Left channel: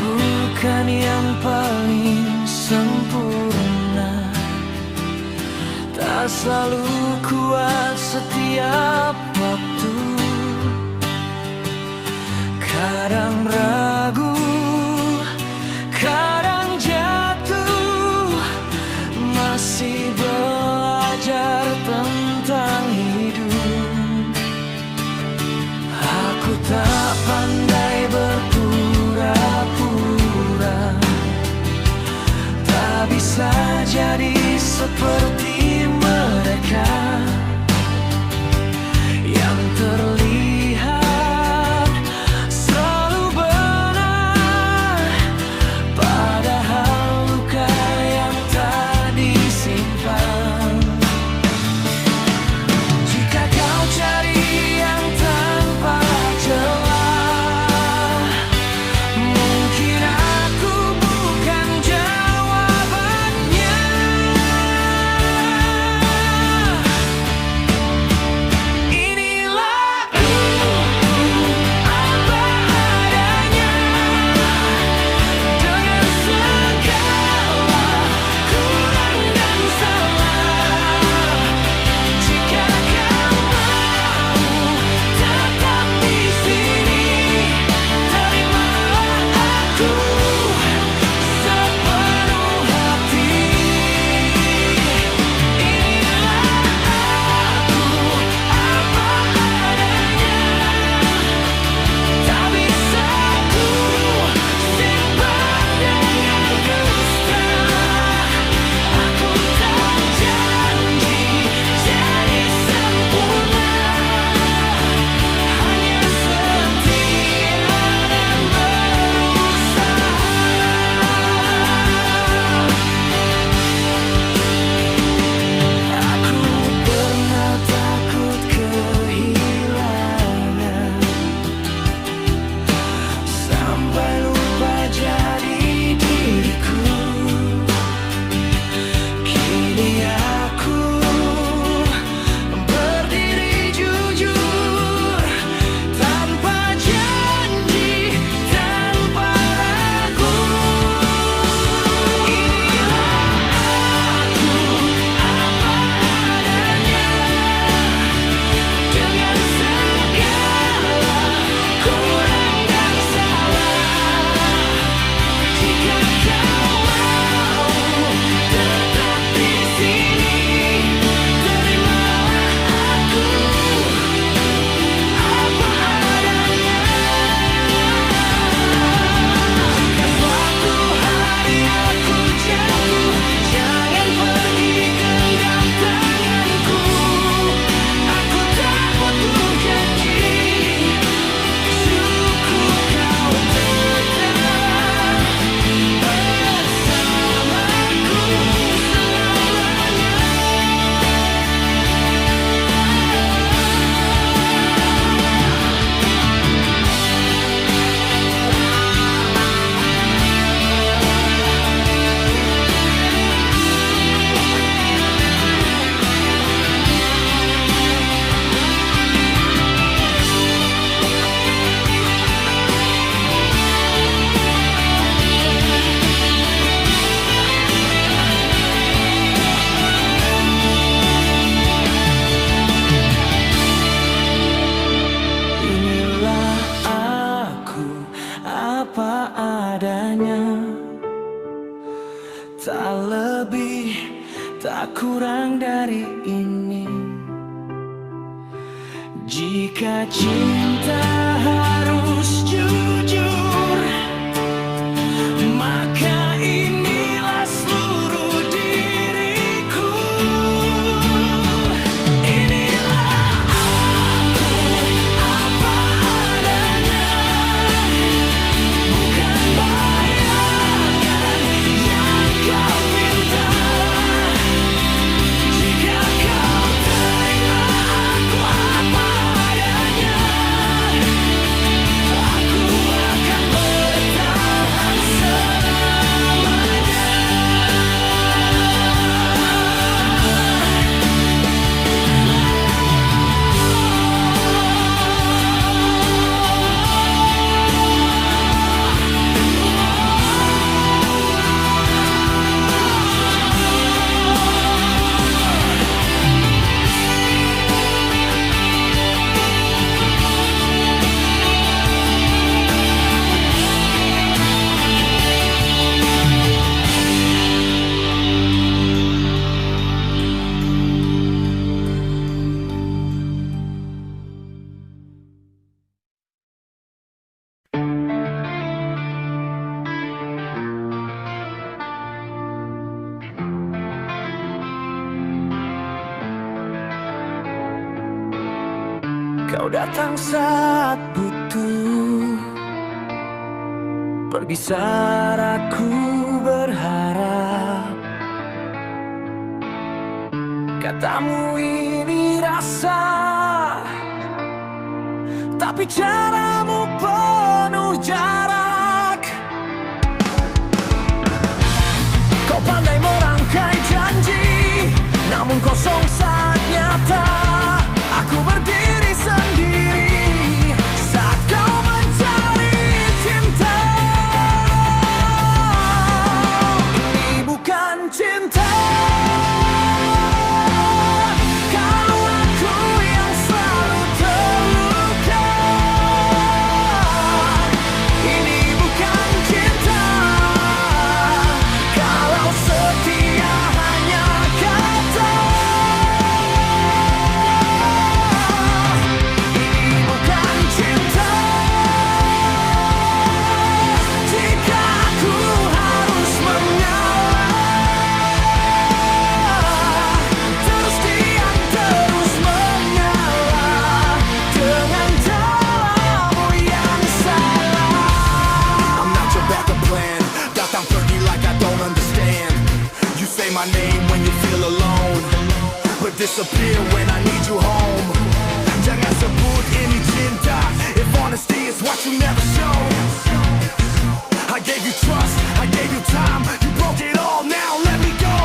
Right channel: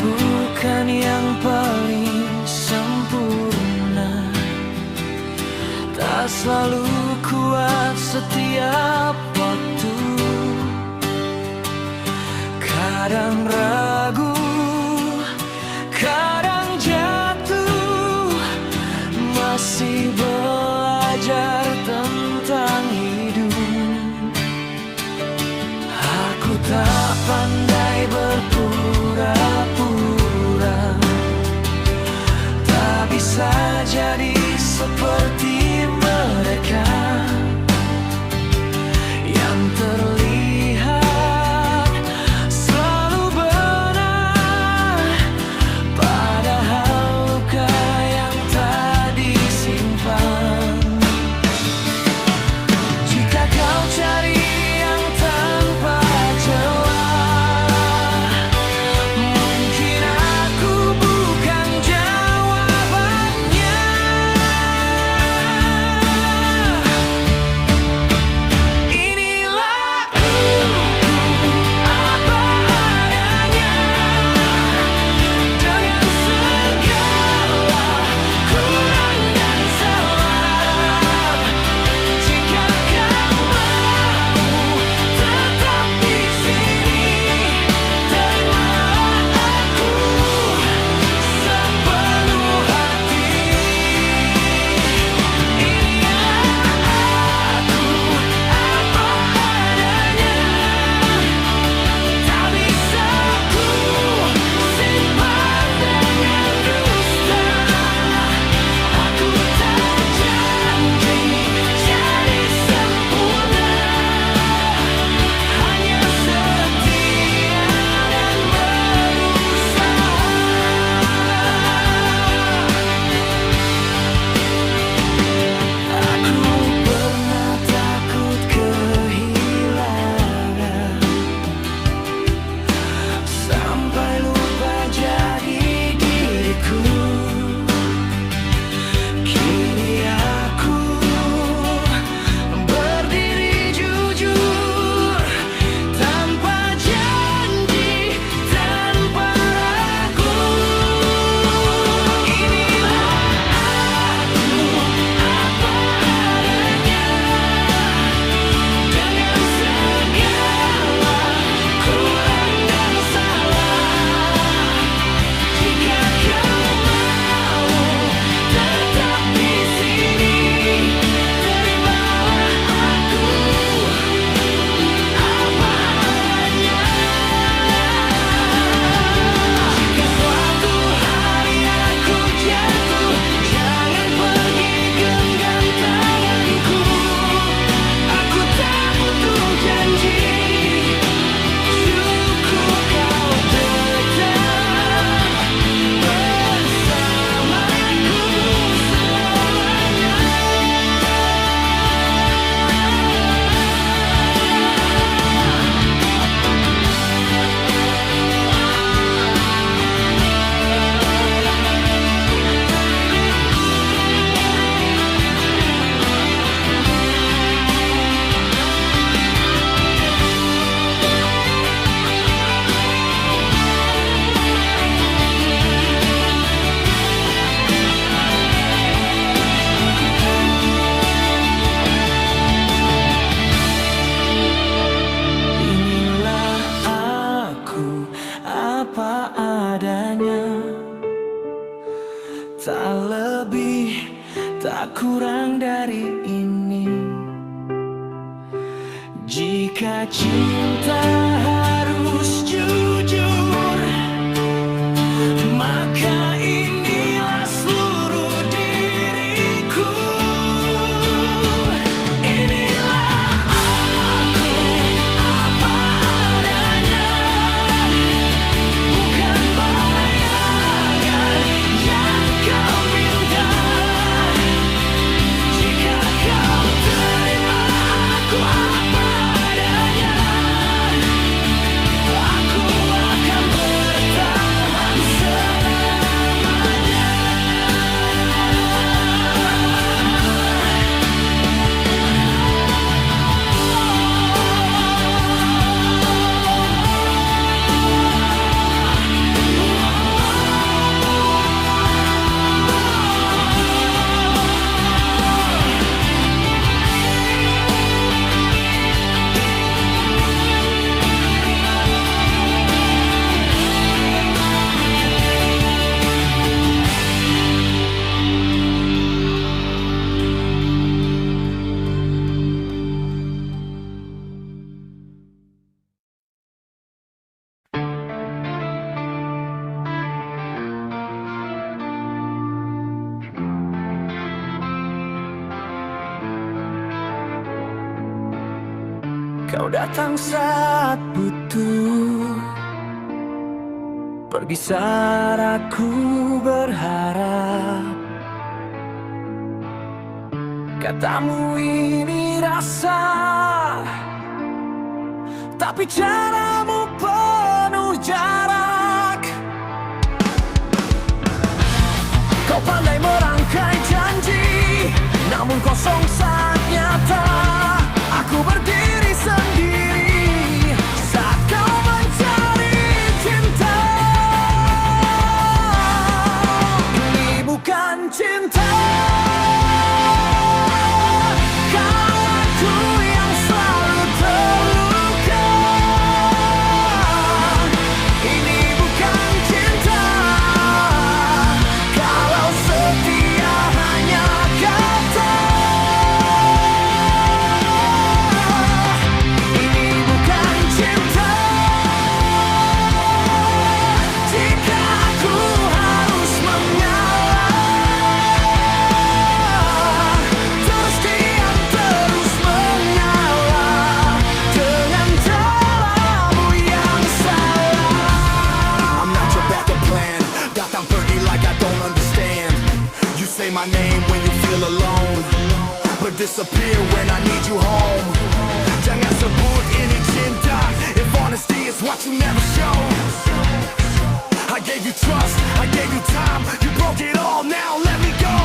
bukan yang paling sempurna, tak selalu kuat setiap waktu. Kadang ragu, kadang jatuh, masih belajar tentang hidup. Aku tak pandai berpura-pura, tak bisa jadi seperti mereka yang terlihat selalu benar, padahal luka yang tak disimpan. Jika kau cari yang tanpa celah, mungkin aku bukan jawabannya. Inilah aku, apa adanya, dengan segala kurang dan salah. Jika kau mau tetap di sini, terimalah aku sepenuh hati. Inilah aku, apa adanya, tak bisa ku simpan dengan dusta. Aku tak janji jadi sempurna, hanya setia dan berusaha. Aku pernah takut kehilangan, sampai lupa jadi diriku. Kini aku berdiri jujur, tanpa janji, tanpa ragu. Inilah aku, apa adanya, dengan segala kurang dan salah. Jika kau mau tetap di sini, terimalah aku, apa adanya. Jika suatu hari aku jatuh, jangan pergi genggam tanganku. Aku tak butuh janji, cukup kau tetap bersamaku selamanya. Inilah aku, apa adanya, tak lebih, tak kurang dari ini. Jika cinta harus jujur, maka inilah seluruh diriku. Inilah aku, apa adanya, bukan bayangan yang kau pinta. Jika kau terima aku apa adanya, aku akan bertahan selamanya. Kau datang saat butuh. Pergi saat aku berharap. Katamu ini rasa, tapi caramu penuh jarak. Kau pandai merangkai janji, namun kosong saat nyata. Aku berdiri sendiri saat kau mencari cinta. Ini bukan cinta. Kalau aku yang selalu terluka, ini bukan cinta. Kalau setia hanya kata, ini bukan cinta. Jika aku harus mengalah, terus diam, terus mengalah dengan caramu yang salah. I'm not your backup plan. Datang pergi like I don't understand. You say my name when you feel alone, but disappear when I need you home. Jangan sebut ini cinta if honesty is what you never show. I gave you trust, I gave you time. You broke it all, now let me go.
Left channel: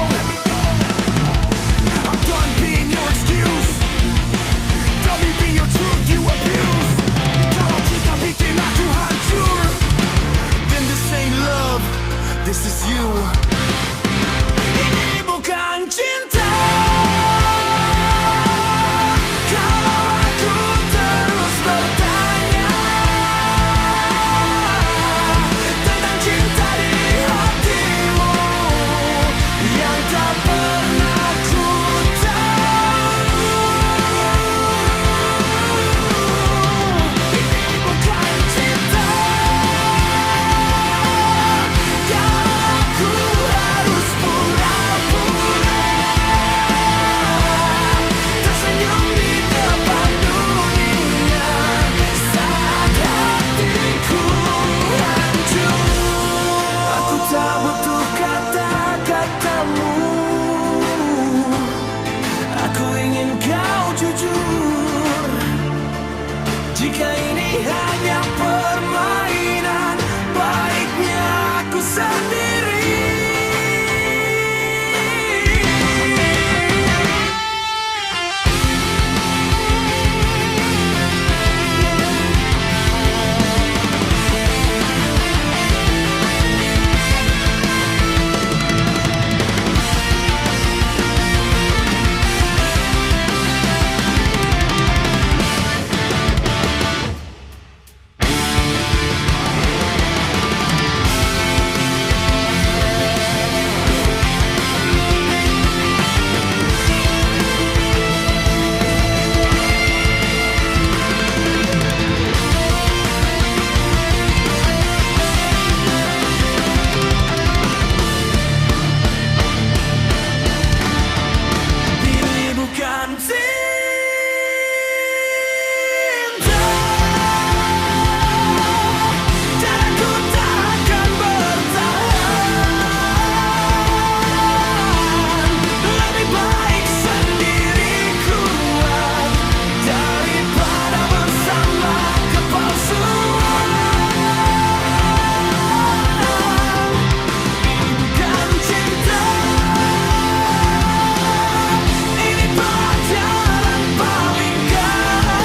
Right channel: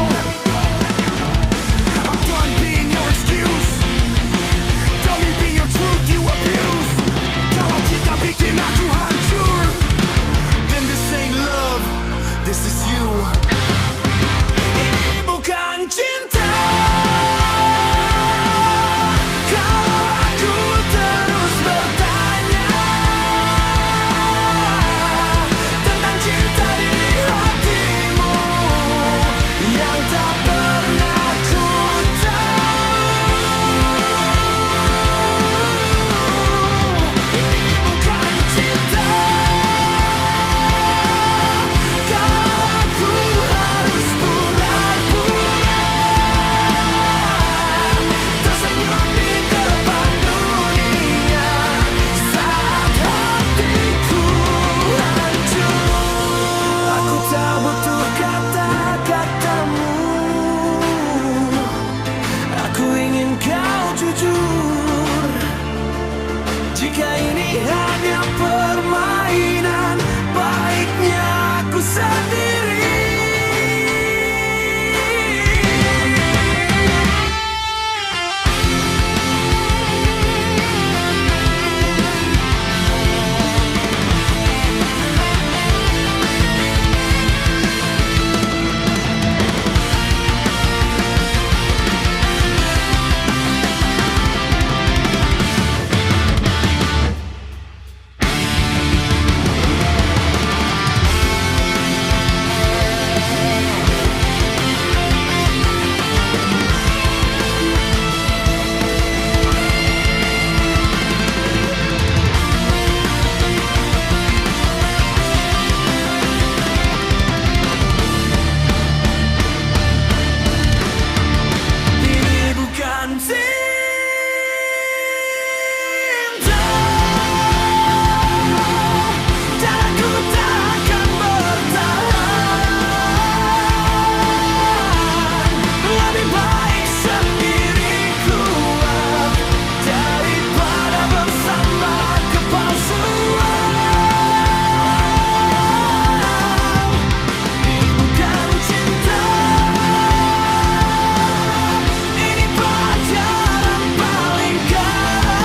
I'm done being your excuse. Tell me be your truth, you abuse. Kalau kita bikin aku hancur, then this ain't love, this is you. Ini bukan cinta. Kalau aku terus bertanya tentang cinta di hatimu yang tak pernah ku tahu. Ini bukan cinta. Kalau aku harus pura-pura tersenyum di depan dunia saat hatiku hancur. Aku tak butuh kata-katamu. Aku ingin kau jujur. Jika ini hanya permainan, baiknya aku sendiri. Ini bukan cinta, dan aku takkan bertahan. Lebih baik sendiri kuat daripada bersama kepalsuan. Ini bukan cinta. Ini pelajaran paling keras.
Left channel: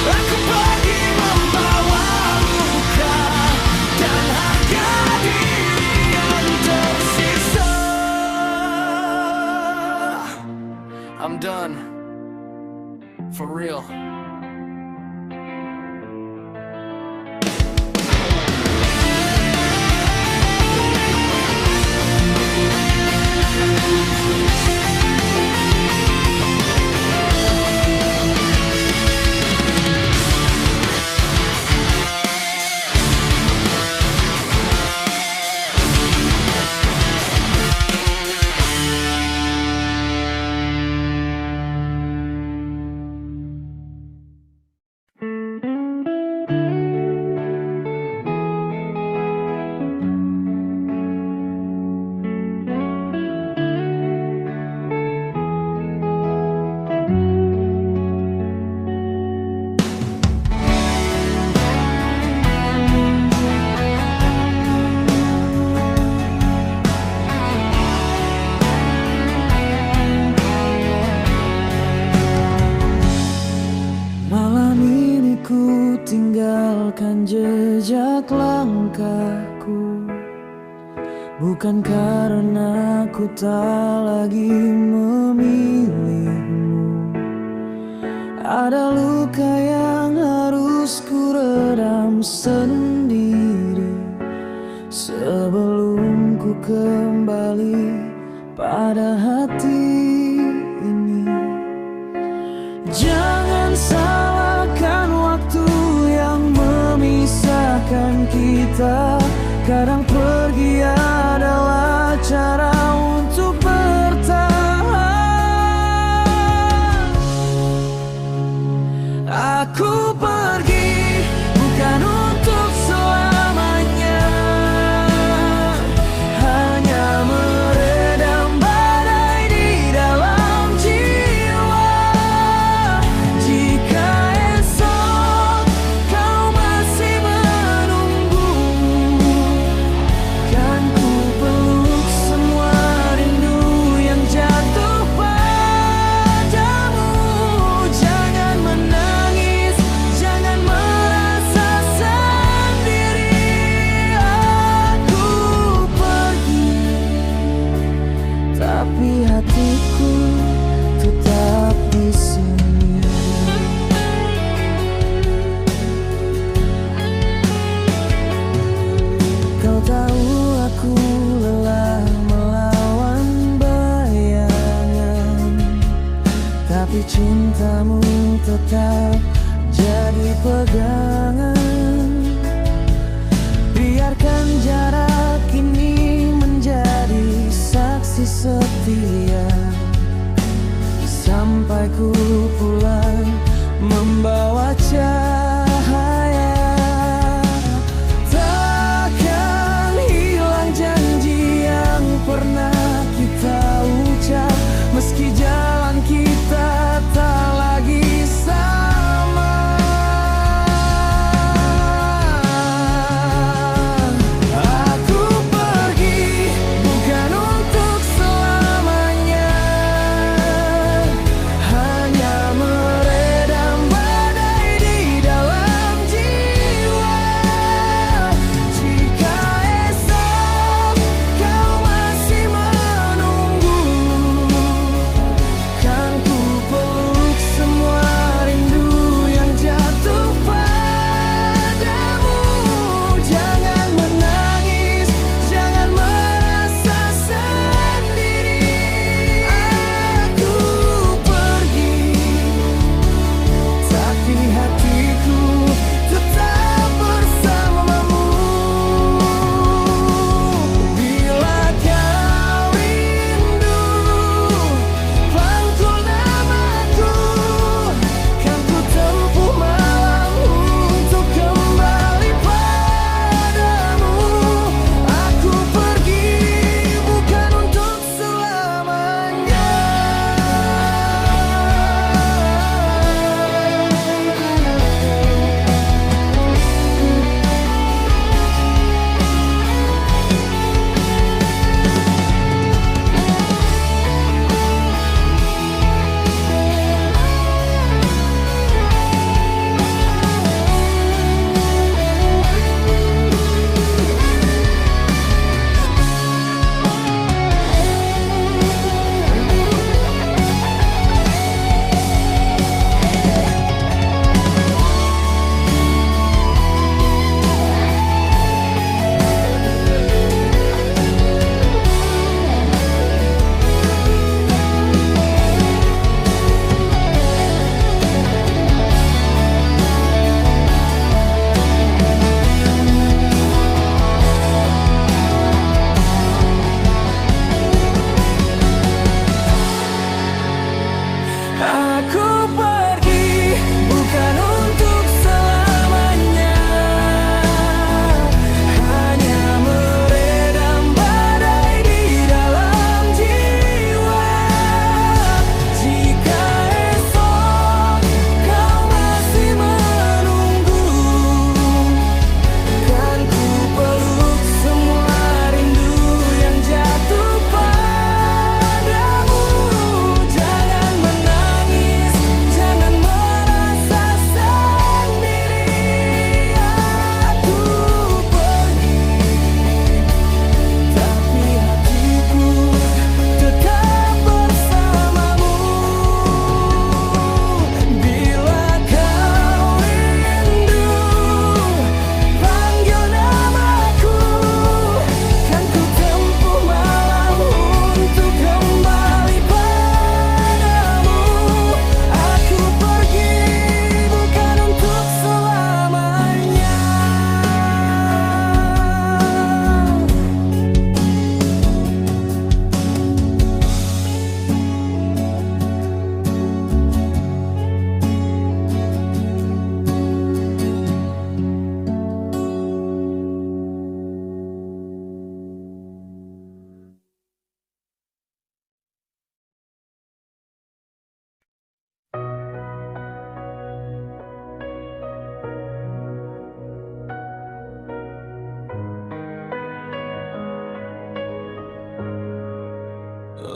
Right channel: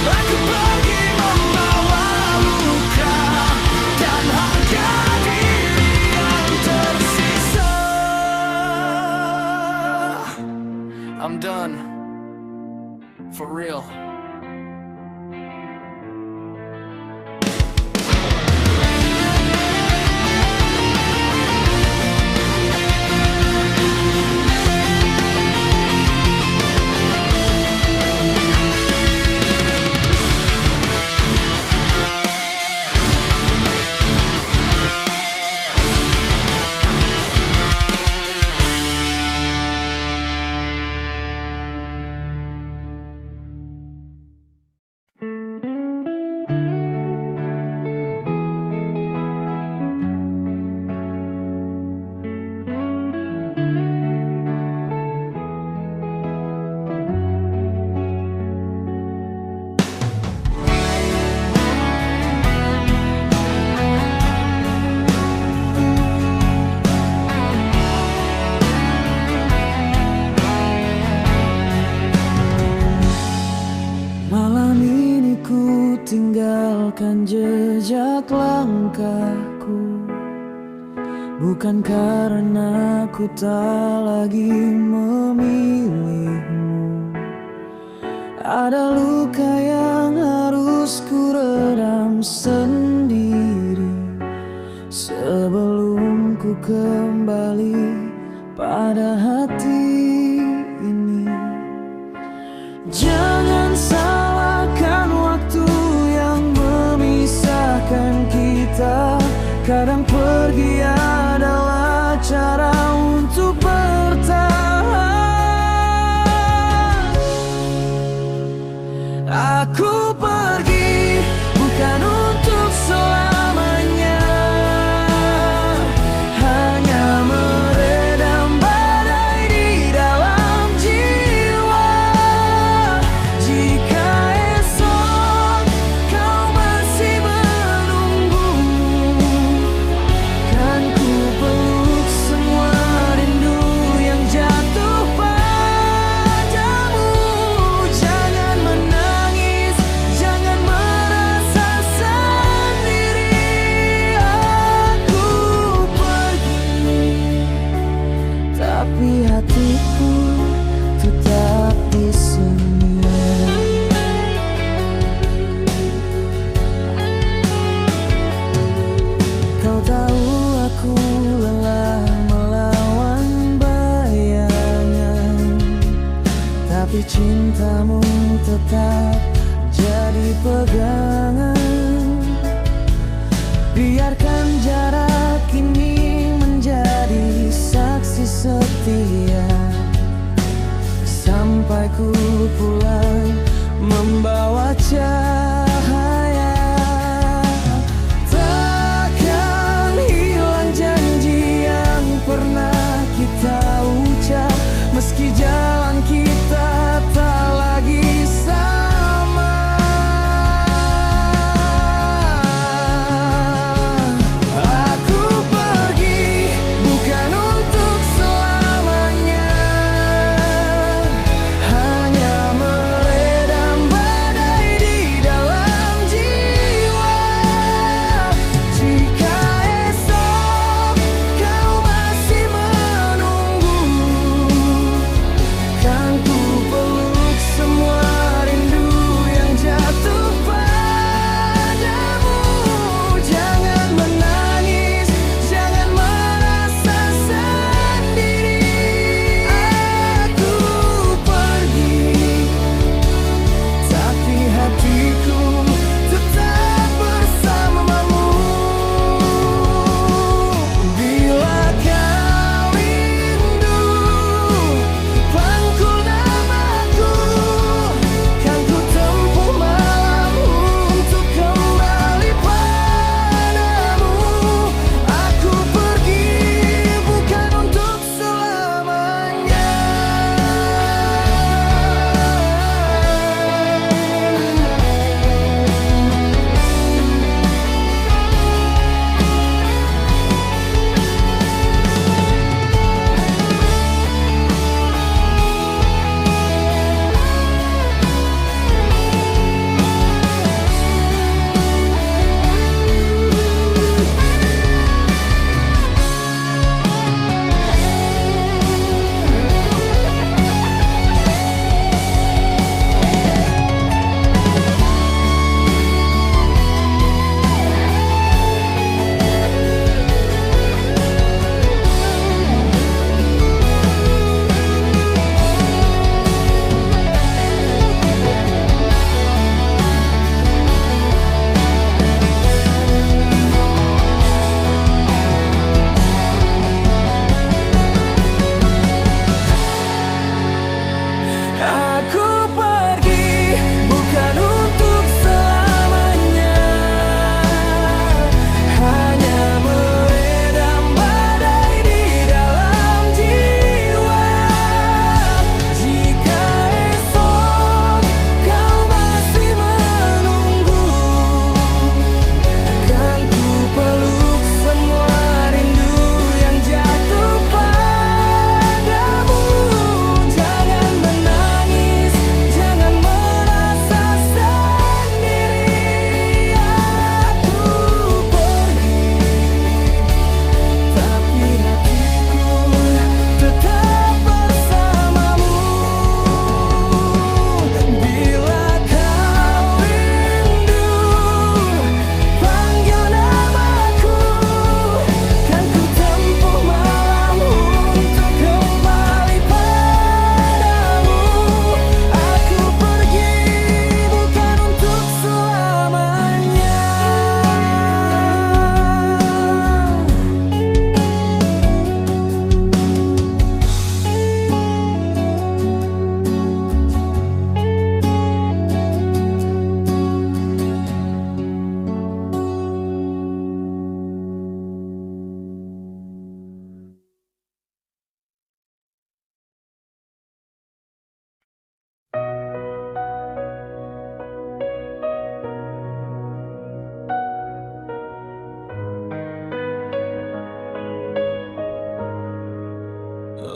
Aku pergi membawa luka dan harga diri yang tersisa. I'm done. For real. langkahku, bukan karena ku tak lagi memilihmu. Ada luka yang harus ku redam sendiri sebelum ku kembali pada hati ini. Jangan salahkan waktu yang memisahkan kita. Kadang pergi adalah cara untuk bertahan. Aku pergi bukan untuk selamanya, hanya meredam badai di dalam jiwa. Jika esok kau masih menunggu, kan ku peluk semua rindu yang jatuh padamu. Jangan menangis, jangan merasa sendiri. Aku pergi, tapi hatiku tetap di sini. Kau tahu aku lelah melawan bayangan, tapi cintamu tetap jadi pegangan. Biarkan jarak ini menjadi saksi setia sampai ku pulang membawa cahaya. Takkan hilang janji yang pernah kita ucap, meski jalan kita tak lagi sama. Aku pergi bukan untuk selamanya, hanya meredam badai di dalam jiwa. Jika esok kau masih menunggu, kan ku peluk semua rindu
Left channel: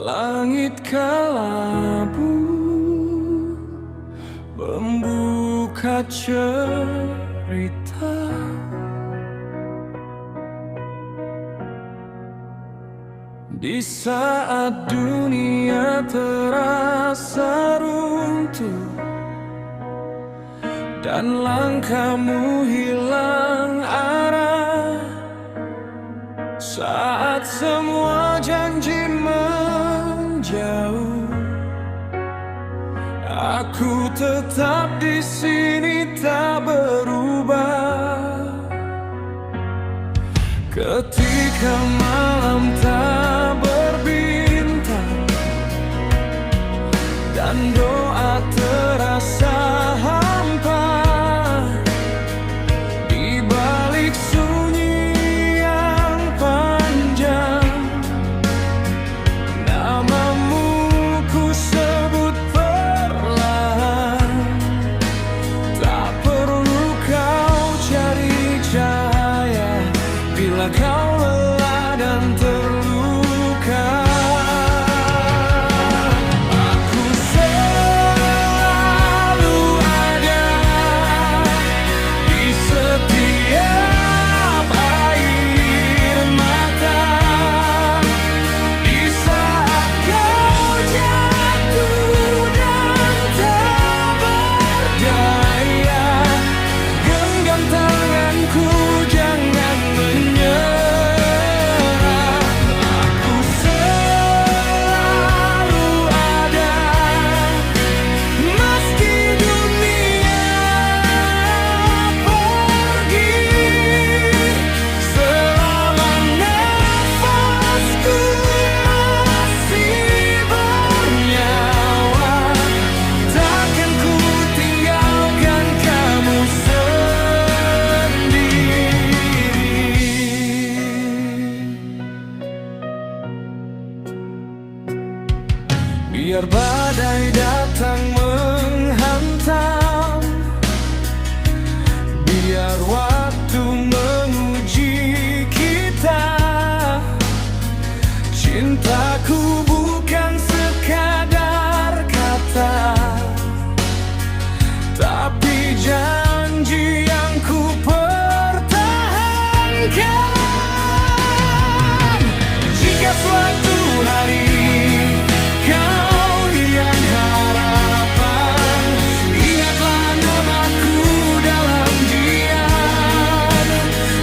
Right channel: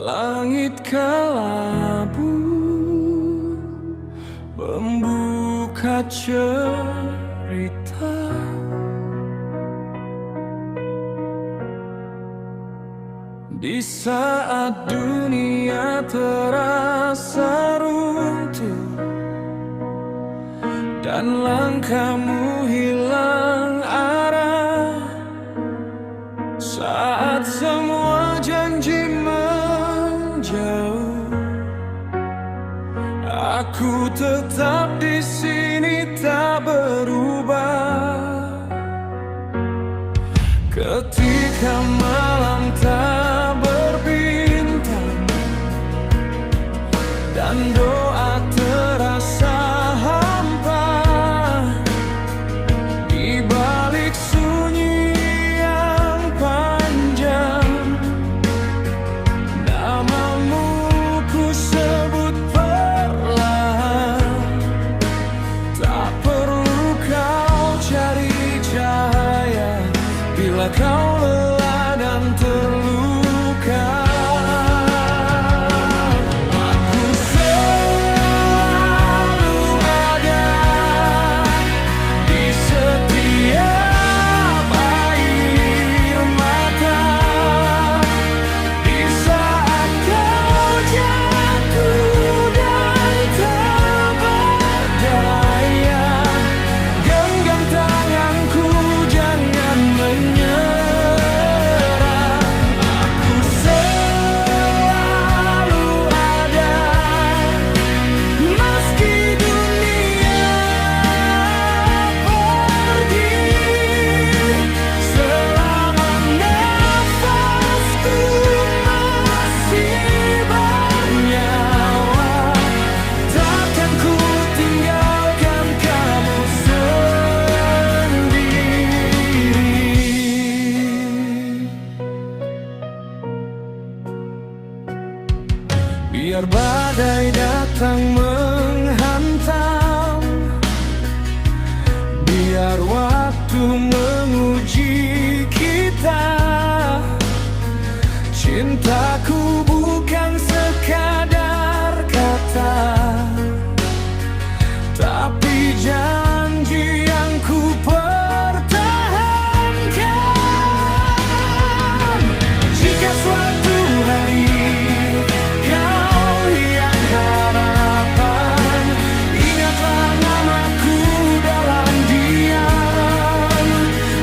Langit kelabu membuka cerita di saat dunia terasa runtuh dan langkahmu hilang arah. Saat semua janji menjauh, aku tetap di sini tak berubah. Ketika malam tak berbintang dan doa terasa hampa, di balik sunyi yang panjang, namamu ku sebut perlahan. Tak perlu kau cari cahaya bila kau lelah dan terluka. Aku selalu ada di setiap air mata, di saat kau jatuh dan tak berdaya. Genggam tanganku, jangan menyerah. Aku selalu ada meski dunia pergi. Selama nafasku masih bernyawa, takkan ku tinggalkan kamu sendiri. Biar badai datang menghantam, biar waktu menguji kita. Cintaku bukan sekadar kata, tapi janji yang ku pertahankan. Jika suatu hari kau hilang harapan, ingatlah namaku dalam diam.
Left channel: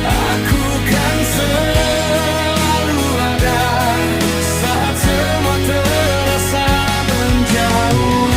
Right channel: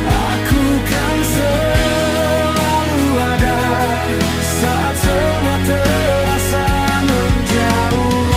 Aku kan selalu ada saat semua terasa menjauh.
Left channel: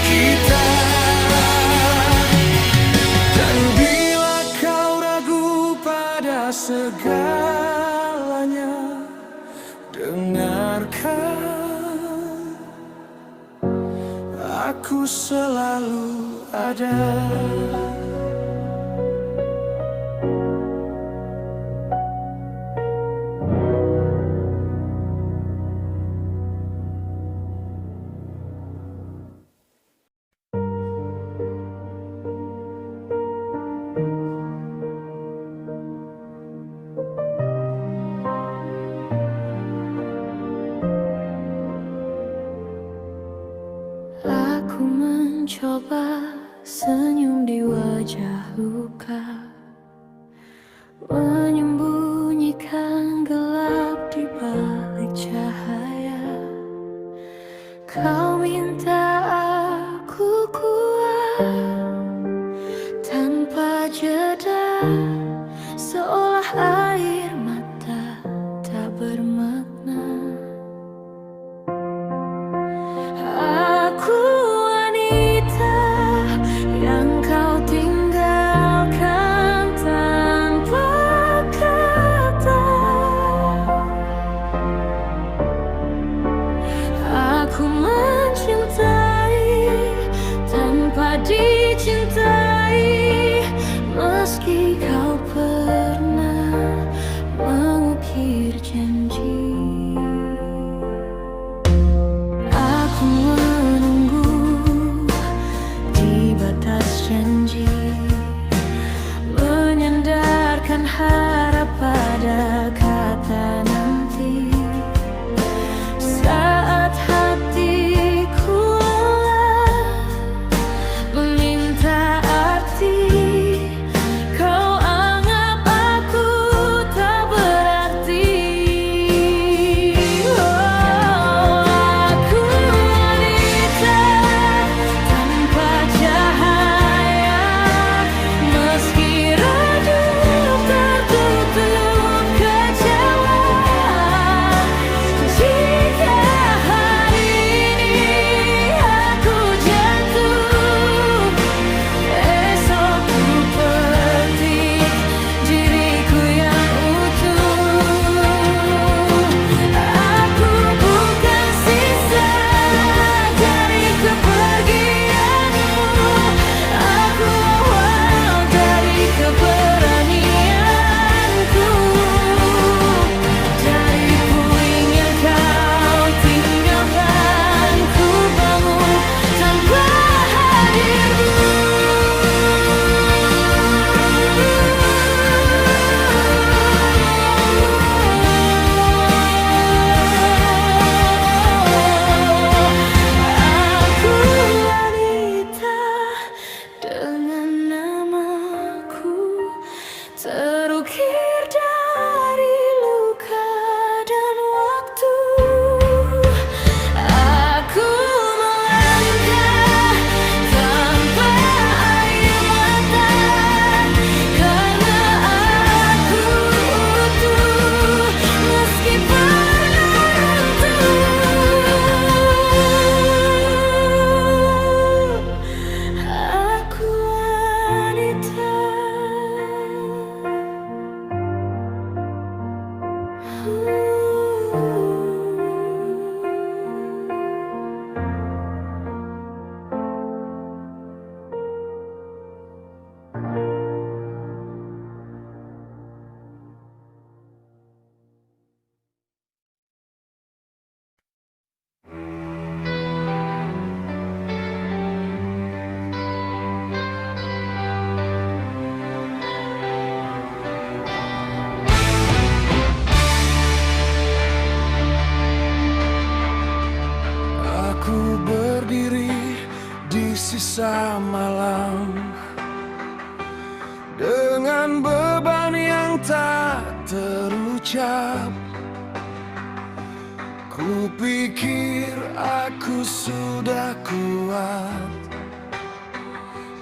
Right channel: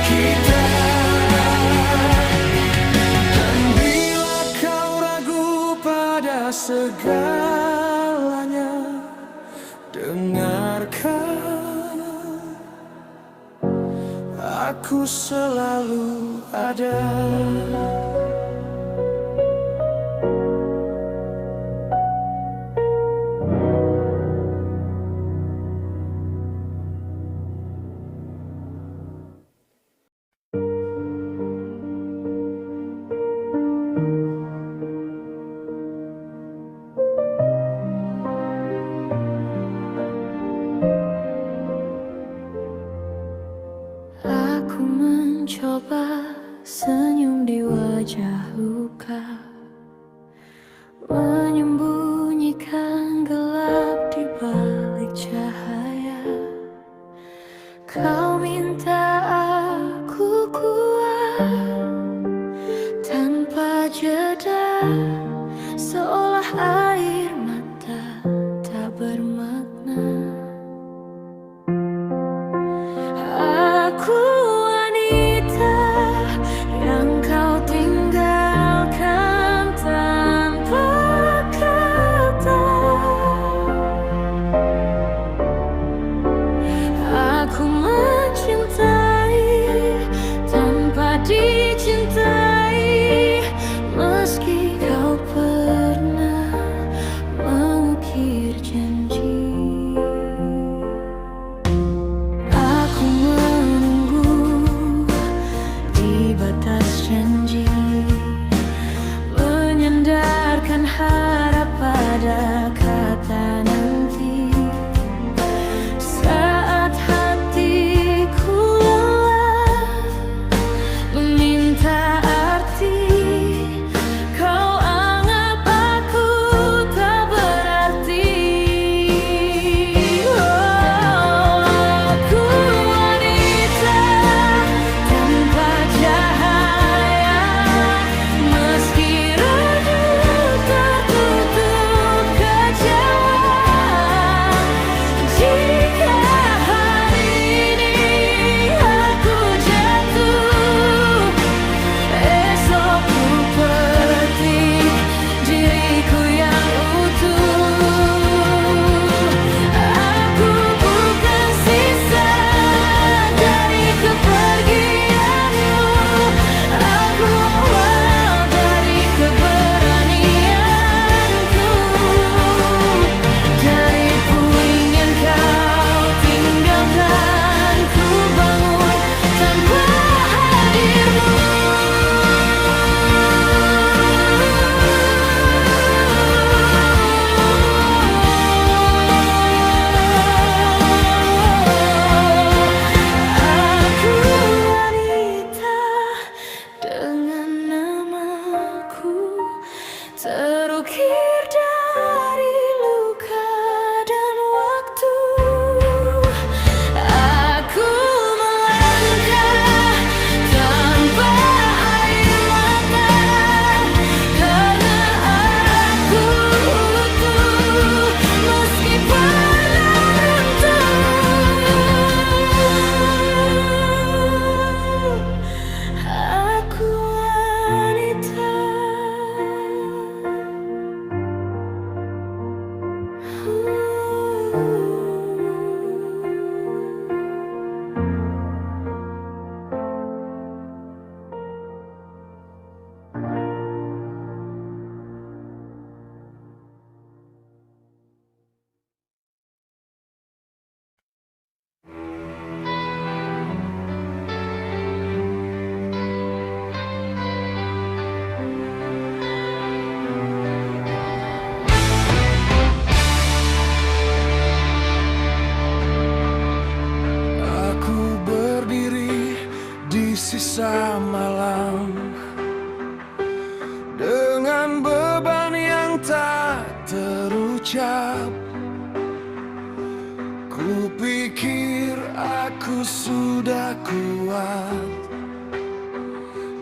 Kita. Dan bila kau ragu pada segalanya, dengarkan, aku selalu ada. Aku mencoba senyum di wajah luka, menyembunyikan gelap di balik cahaya. Kau minta aku kuat tanpa jeda, seolah air mata tak bermakna. Aku wanita yang kau tinggalkan tanpa kata. Aku mencintai tanpa dicintai, meski kau pernah mengukir janji. Aku menunggu di batas janji, menyandarkan harap pada kata nanti. Saat hatiku lelah meminta arti, kau anggap aku tak berarti. Oh, aku wanita tanpa cahaya, meski redup tertutup kecewa. Jika hari ini aku jatuh, esok ku petik diriku yang utuh. Aku bukan sisa dari kepergianmu, aku awal dari keberanianku. Dari puing yang kau tinggalkan, ku bangun tanpa hadirmu. Aku wanita dengan namaku terukir dari luka dan waktu. Aku melangkah tanpa air mata, karena aku utuh meski pernah runtuh. Aku wanita. Aku berdiri di sisa malam dengan beban yang tak terucap. Ku pikir aku sudah kuat,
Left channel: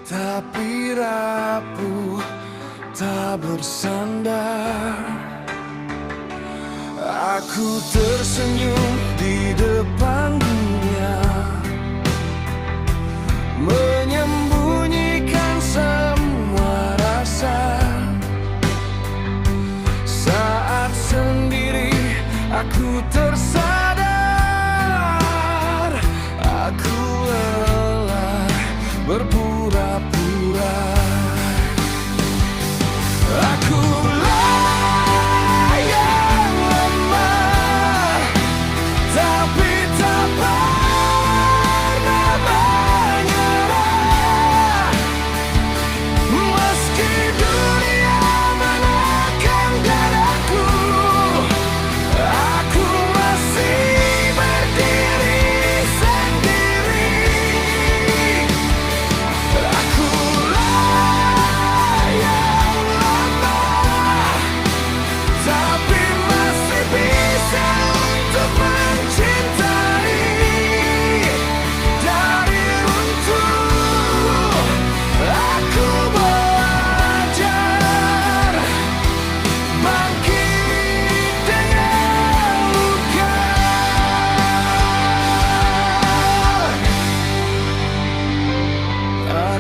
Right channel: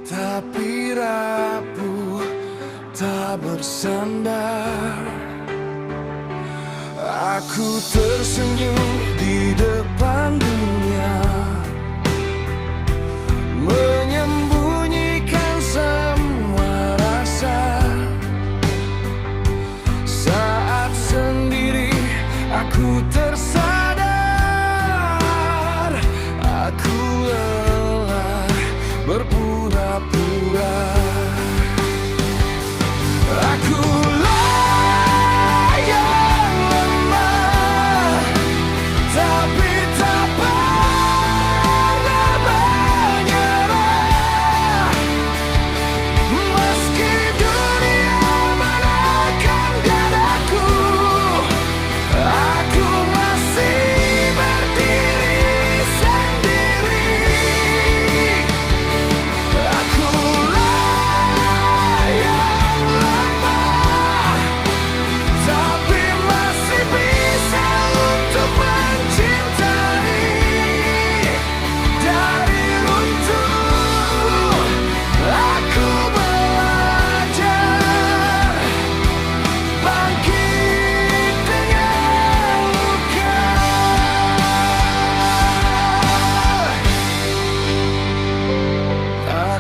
tapi rapuh tak bersandar. Aku tersenyum di depan dunia, menyembunyikan semua rasa. Saat sendiri aku tersadar, aku lelah berpura-pura. Aku yang lemah, tapi tak pernah menyerah. Meski dunia menekan dadaku, aku masih berdiri sendiri.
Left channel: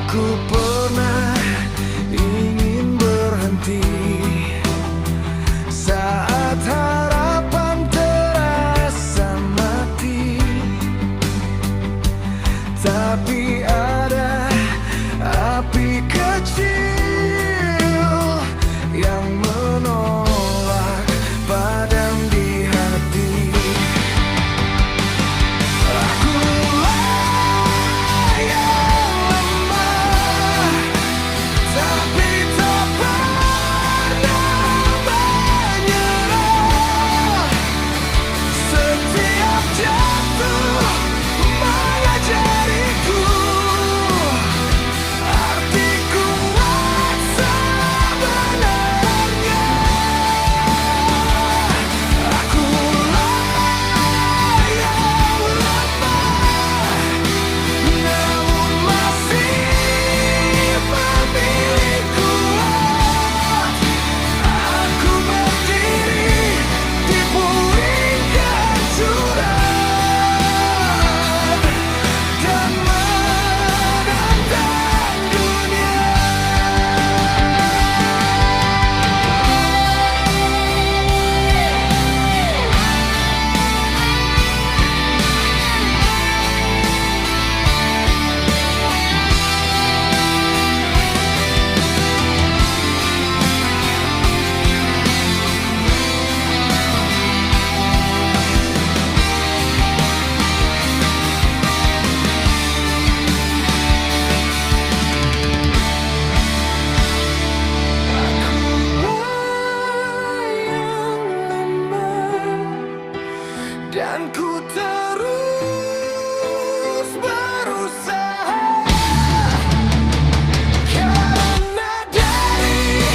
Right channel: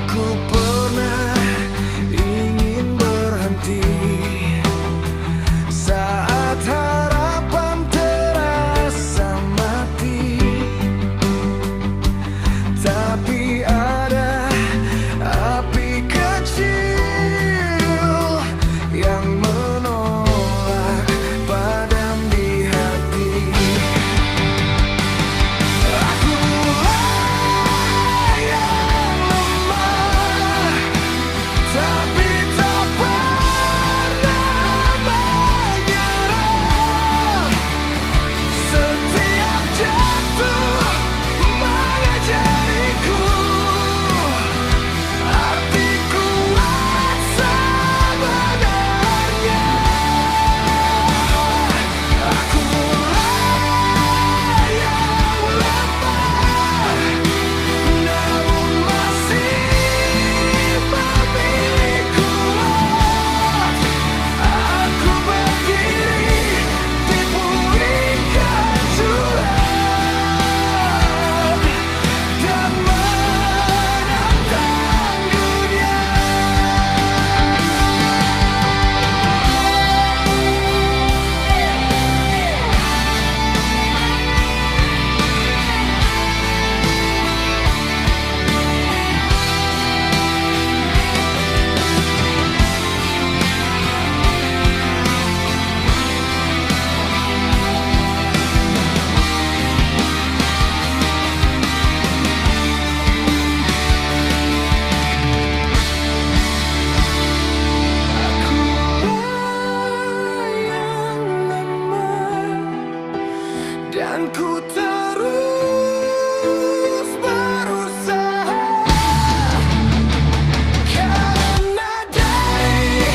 Ku pernah ingin berhenti saat harapan terasa mati, tapi ada api kecil yang menolak padam di hati. Akulah yang lemah, tapi tak pernah menyerah. Setiap jatuh mengajariku arti kuat sebenarnya. Akulah yang lemah, namun masih memilih kuat. Aku berdiri di puing kehancuran dan menantang dunia. Akulah yang lemah, dan ku terus berusaha. Karena dari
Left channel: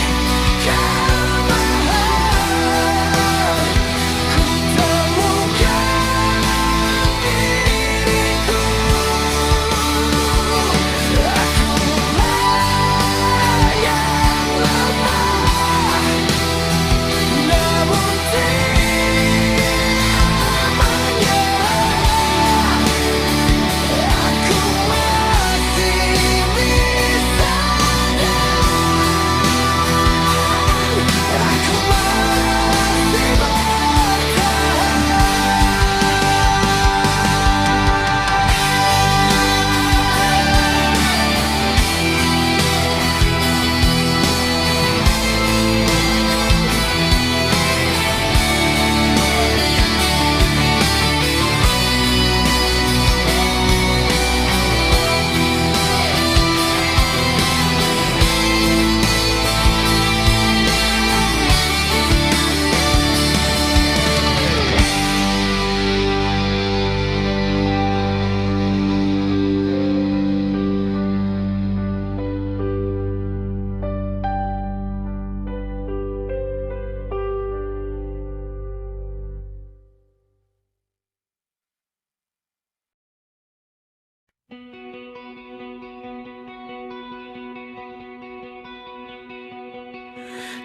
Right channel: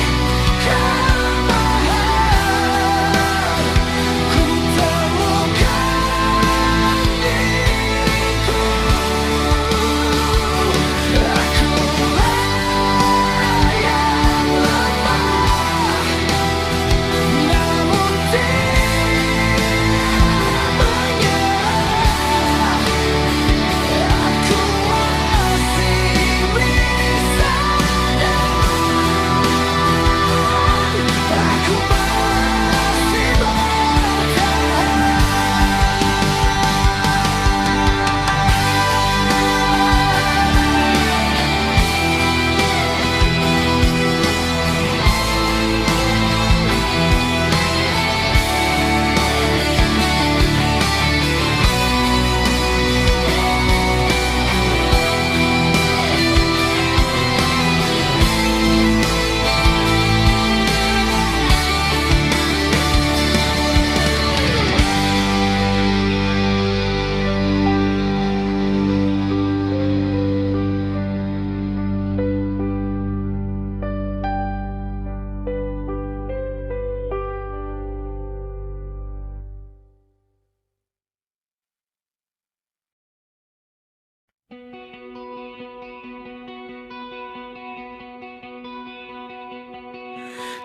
kelemahan ku temukan diriku. Akulah yang lemah, namun tidak menyerah. Aku masih bisa dan aku masih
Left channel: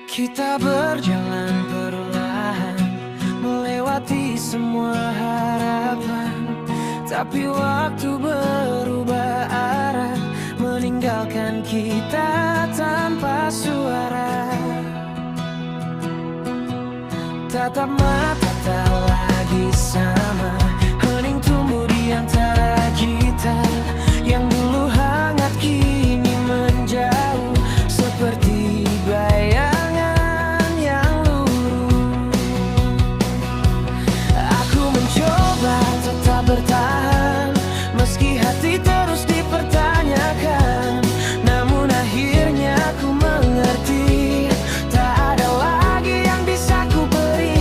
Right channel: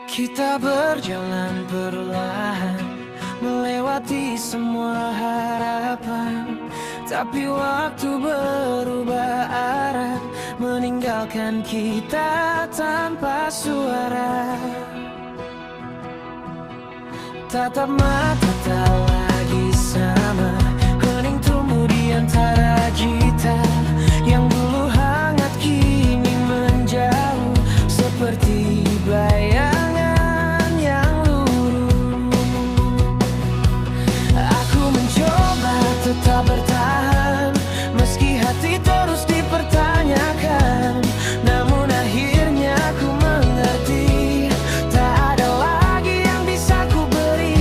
Kita berjalan perlahan melewati semua harapan, tapi waktu berubah arah, meninggalkan kita tanpa suara. Tatap mata tak lagi sama, hening tumbuh di antara kita. Yang dulu hangat kini menjauh, seperti bayangan yang luruh. Aku mencoba tetap bertahan, meski hati terus dipertanyakan. Namun akhirnya ku mengerti, tak ada lagi yang bisa ku beri.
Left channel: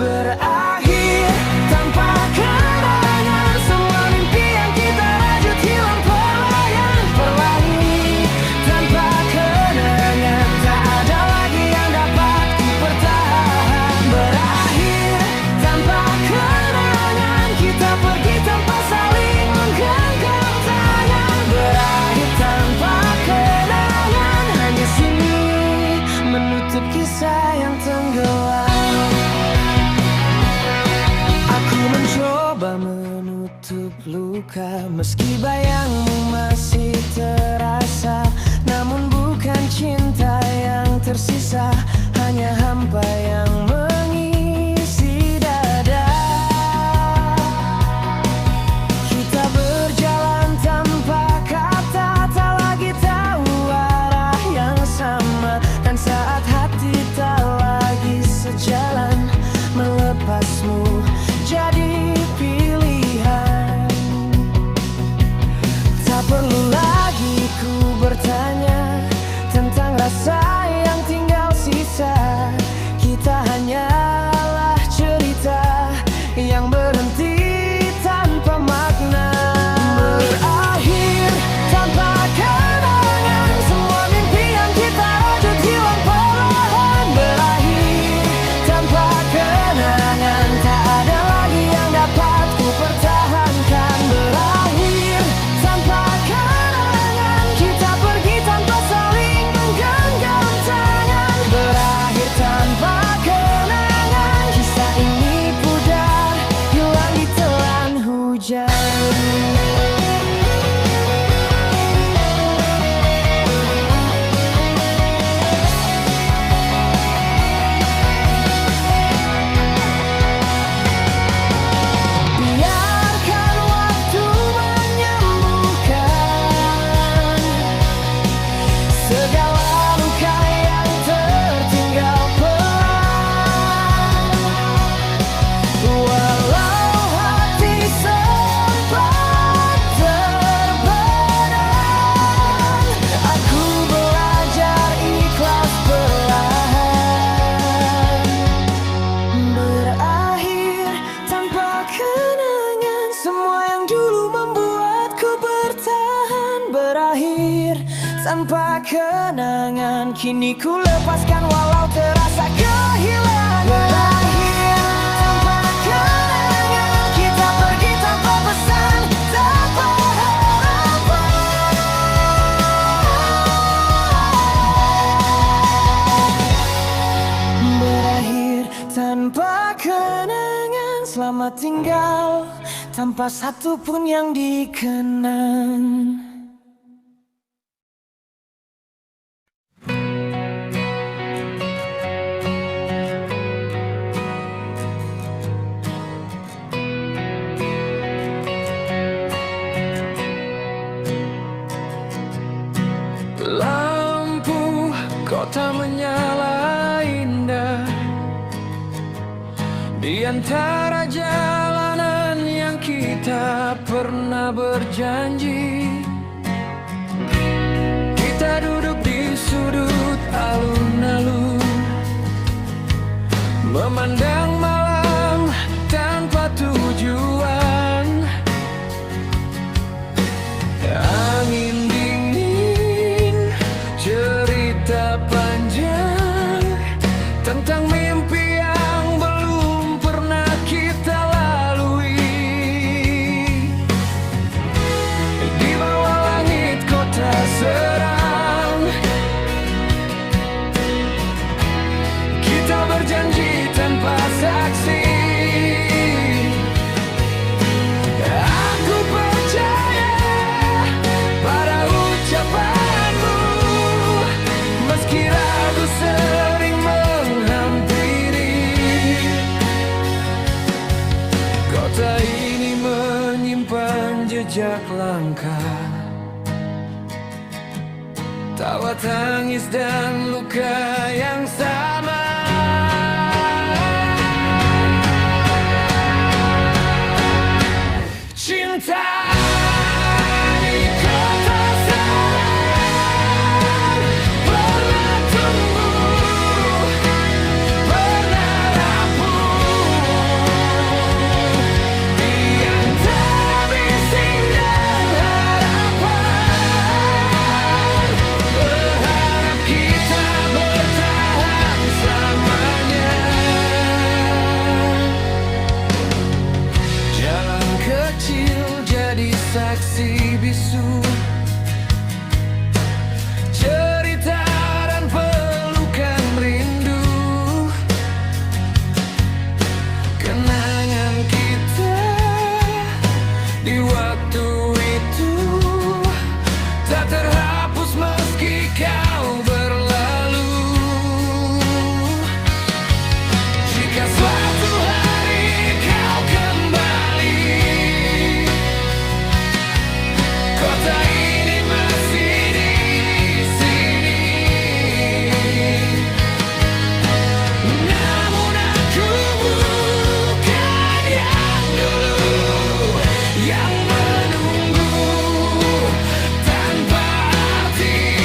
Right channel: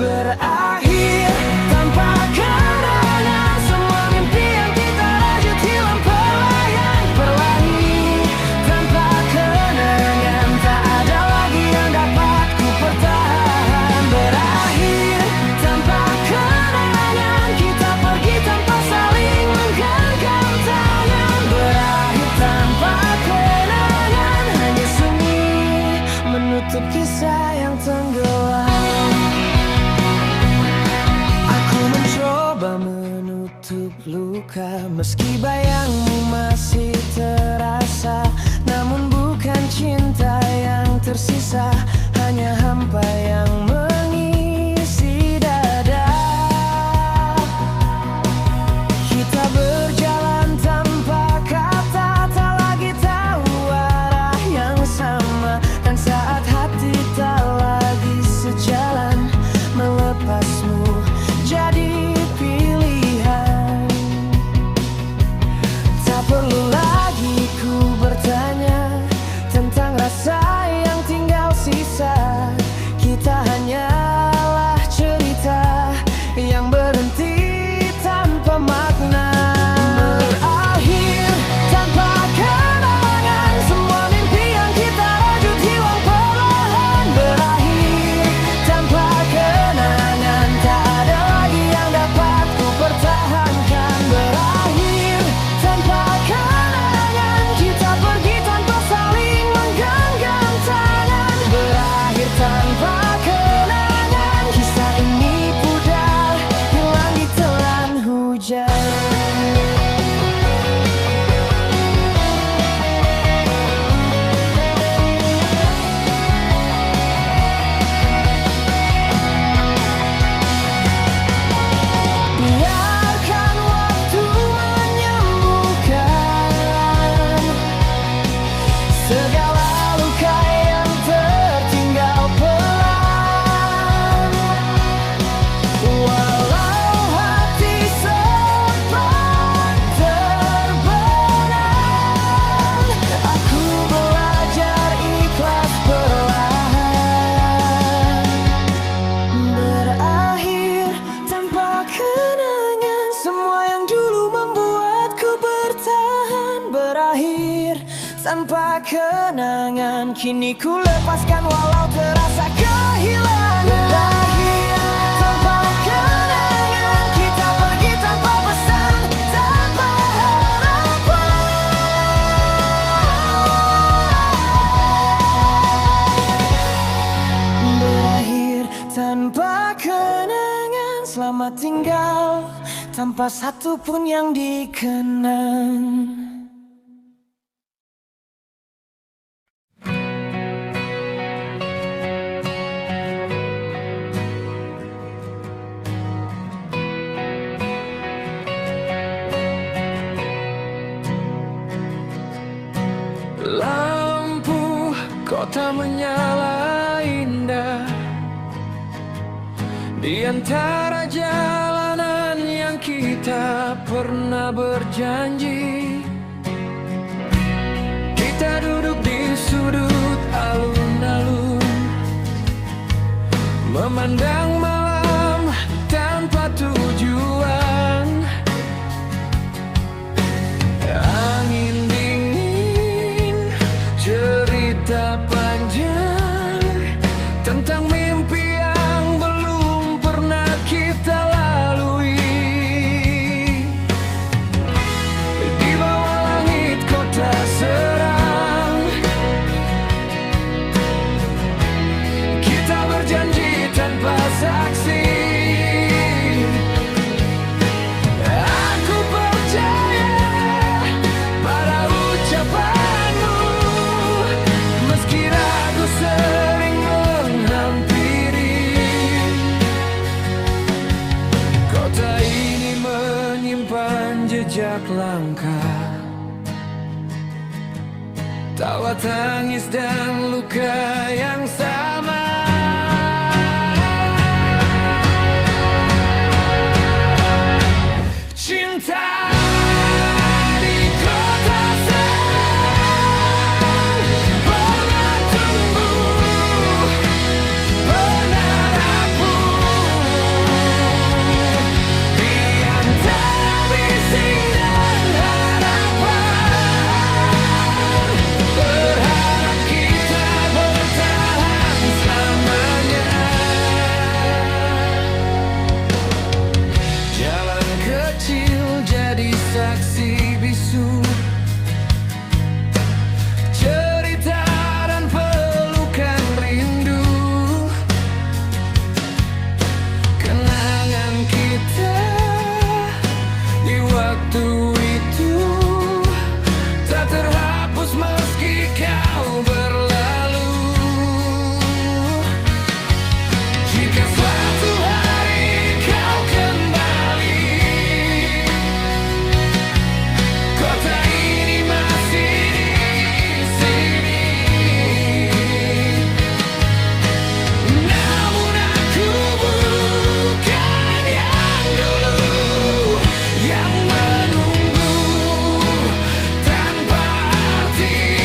Berakhir tanpa kenangan, semua mimpi yang kita rajut hilang perlahan. Perlahan tanpa kenangan, tak ada lagi yang dapat ku pertahan. Berakhir tanpa kenangan, kita pergi tanpa saling menggenggam tangan. Berakhir tanpa kenangan, hanya sunyi menutup kisah yang tenggelam. Aku mencoba menutup menutup luka. Meski bayangmu masih terasa, namun bukan cinta yang tersisa, hanya hampa yang mengisi dada. Kita berjalan tanpa kata, tak lagi tahu arah yang sama. Dan saat hati tak lagi sejalan, melepasmu jadi pilihan. Tak perlu lagi ku bertanya tentang rasa yang tinggal sisa. Kita hanyalah cerita yang berhenti tanpa makna. Berakhir tanpa kenangan, semua mimpi yang kita rajut hilang perlahan. Berakhir tanpa kenangan, tak ada lagi yang dapat ku pertahankan. Berakhir tanpa kenangan, kita pergi tanpa saling menggenggam tangan. Berakhir tanpa kenangan, kisah ini pudar, hilang di telan hujan. Biarkan waktu menyembuhkan segala luka yang tertinggal pelan. Walau hati sempat terbenam, aku belajar ikhlas perlahan. Berakhir tanpa kenangan, semua yang dulu membuatku bertahan. Berakhir tanpa kenangan, kini ku lepaskan walau terasa kehilangan. Berakhir tanpa kenangan, kita pergi tanpa pesan, tanpa harapan. Berakhir tanpa kenangan, selamat tinggal tanpa satu pun yang dikenang. Lampu kota menyala indah di antara jalanan yang kita pernah berjanji. Kita duduk di sudut alun-alun, memandang malam tanpa tujuan. Angin dingin, cerita panjang tentang mimpi yang belum pernah kita lalui. Di bawah langit kota seram, kita berjanji tanpa saksi. Aku percaya pada ucapanmu, meski ragu sering menghampiri. Kota ini menyimpan jejak langkah, tawa tangis dan luka yang sama. Cinta di kota seram pernah tumbuh, pernah rapuh di antara bising dan harapan. Berharap kita bertahan selamanya. Jalan kecil jadi saksi bisu, cerita dan pelukan rindu. Kenangan kita waktu itu tak terhapus meski kau berlalu. Jika suatu hari kau kembali, kota ini masih di sini. Namun aku bukan yang dulu, yang menunggu tanpa arti.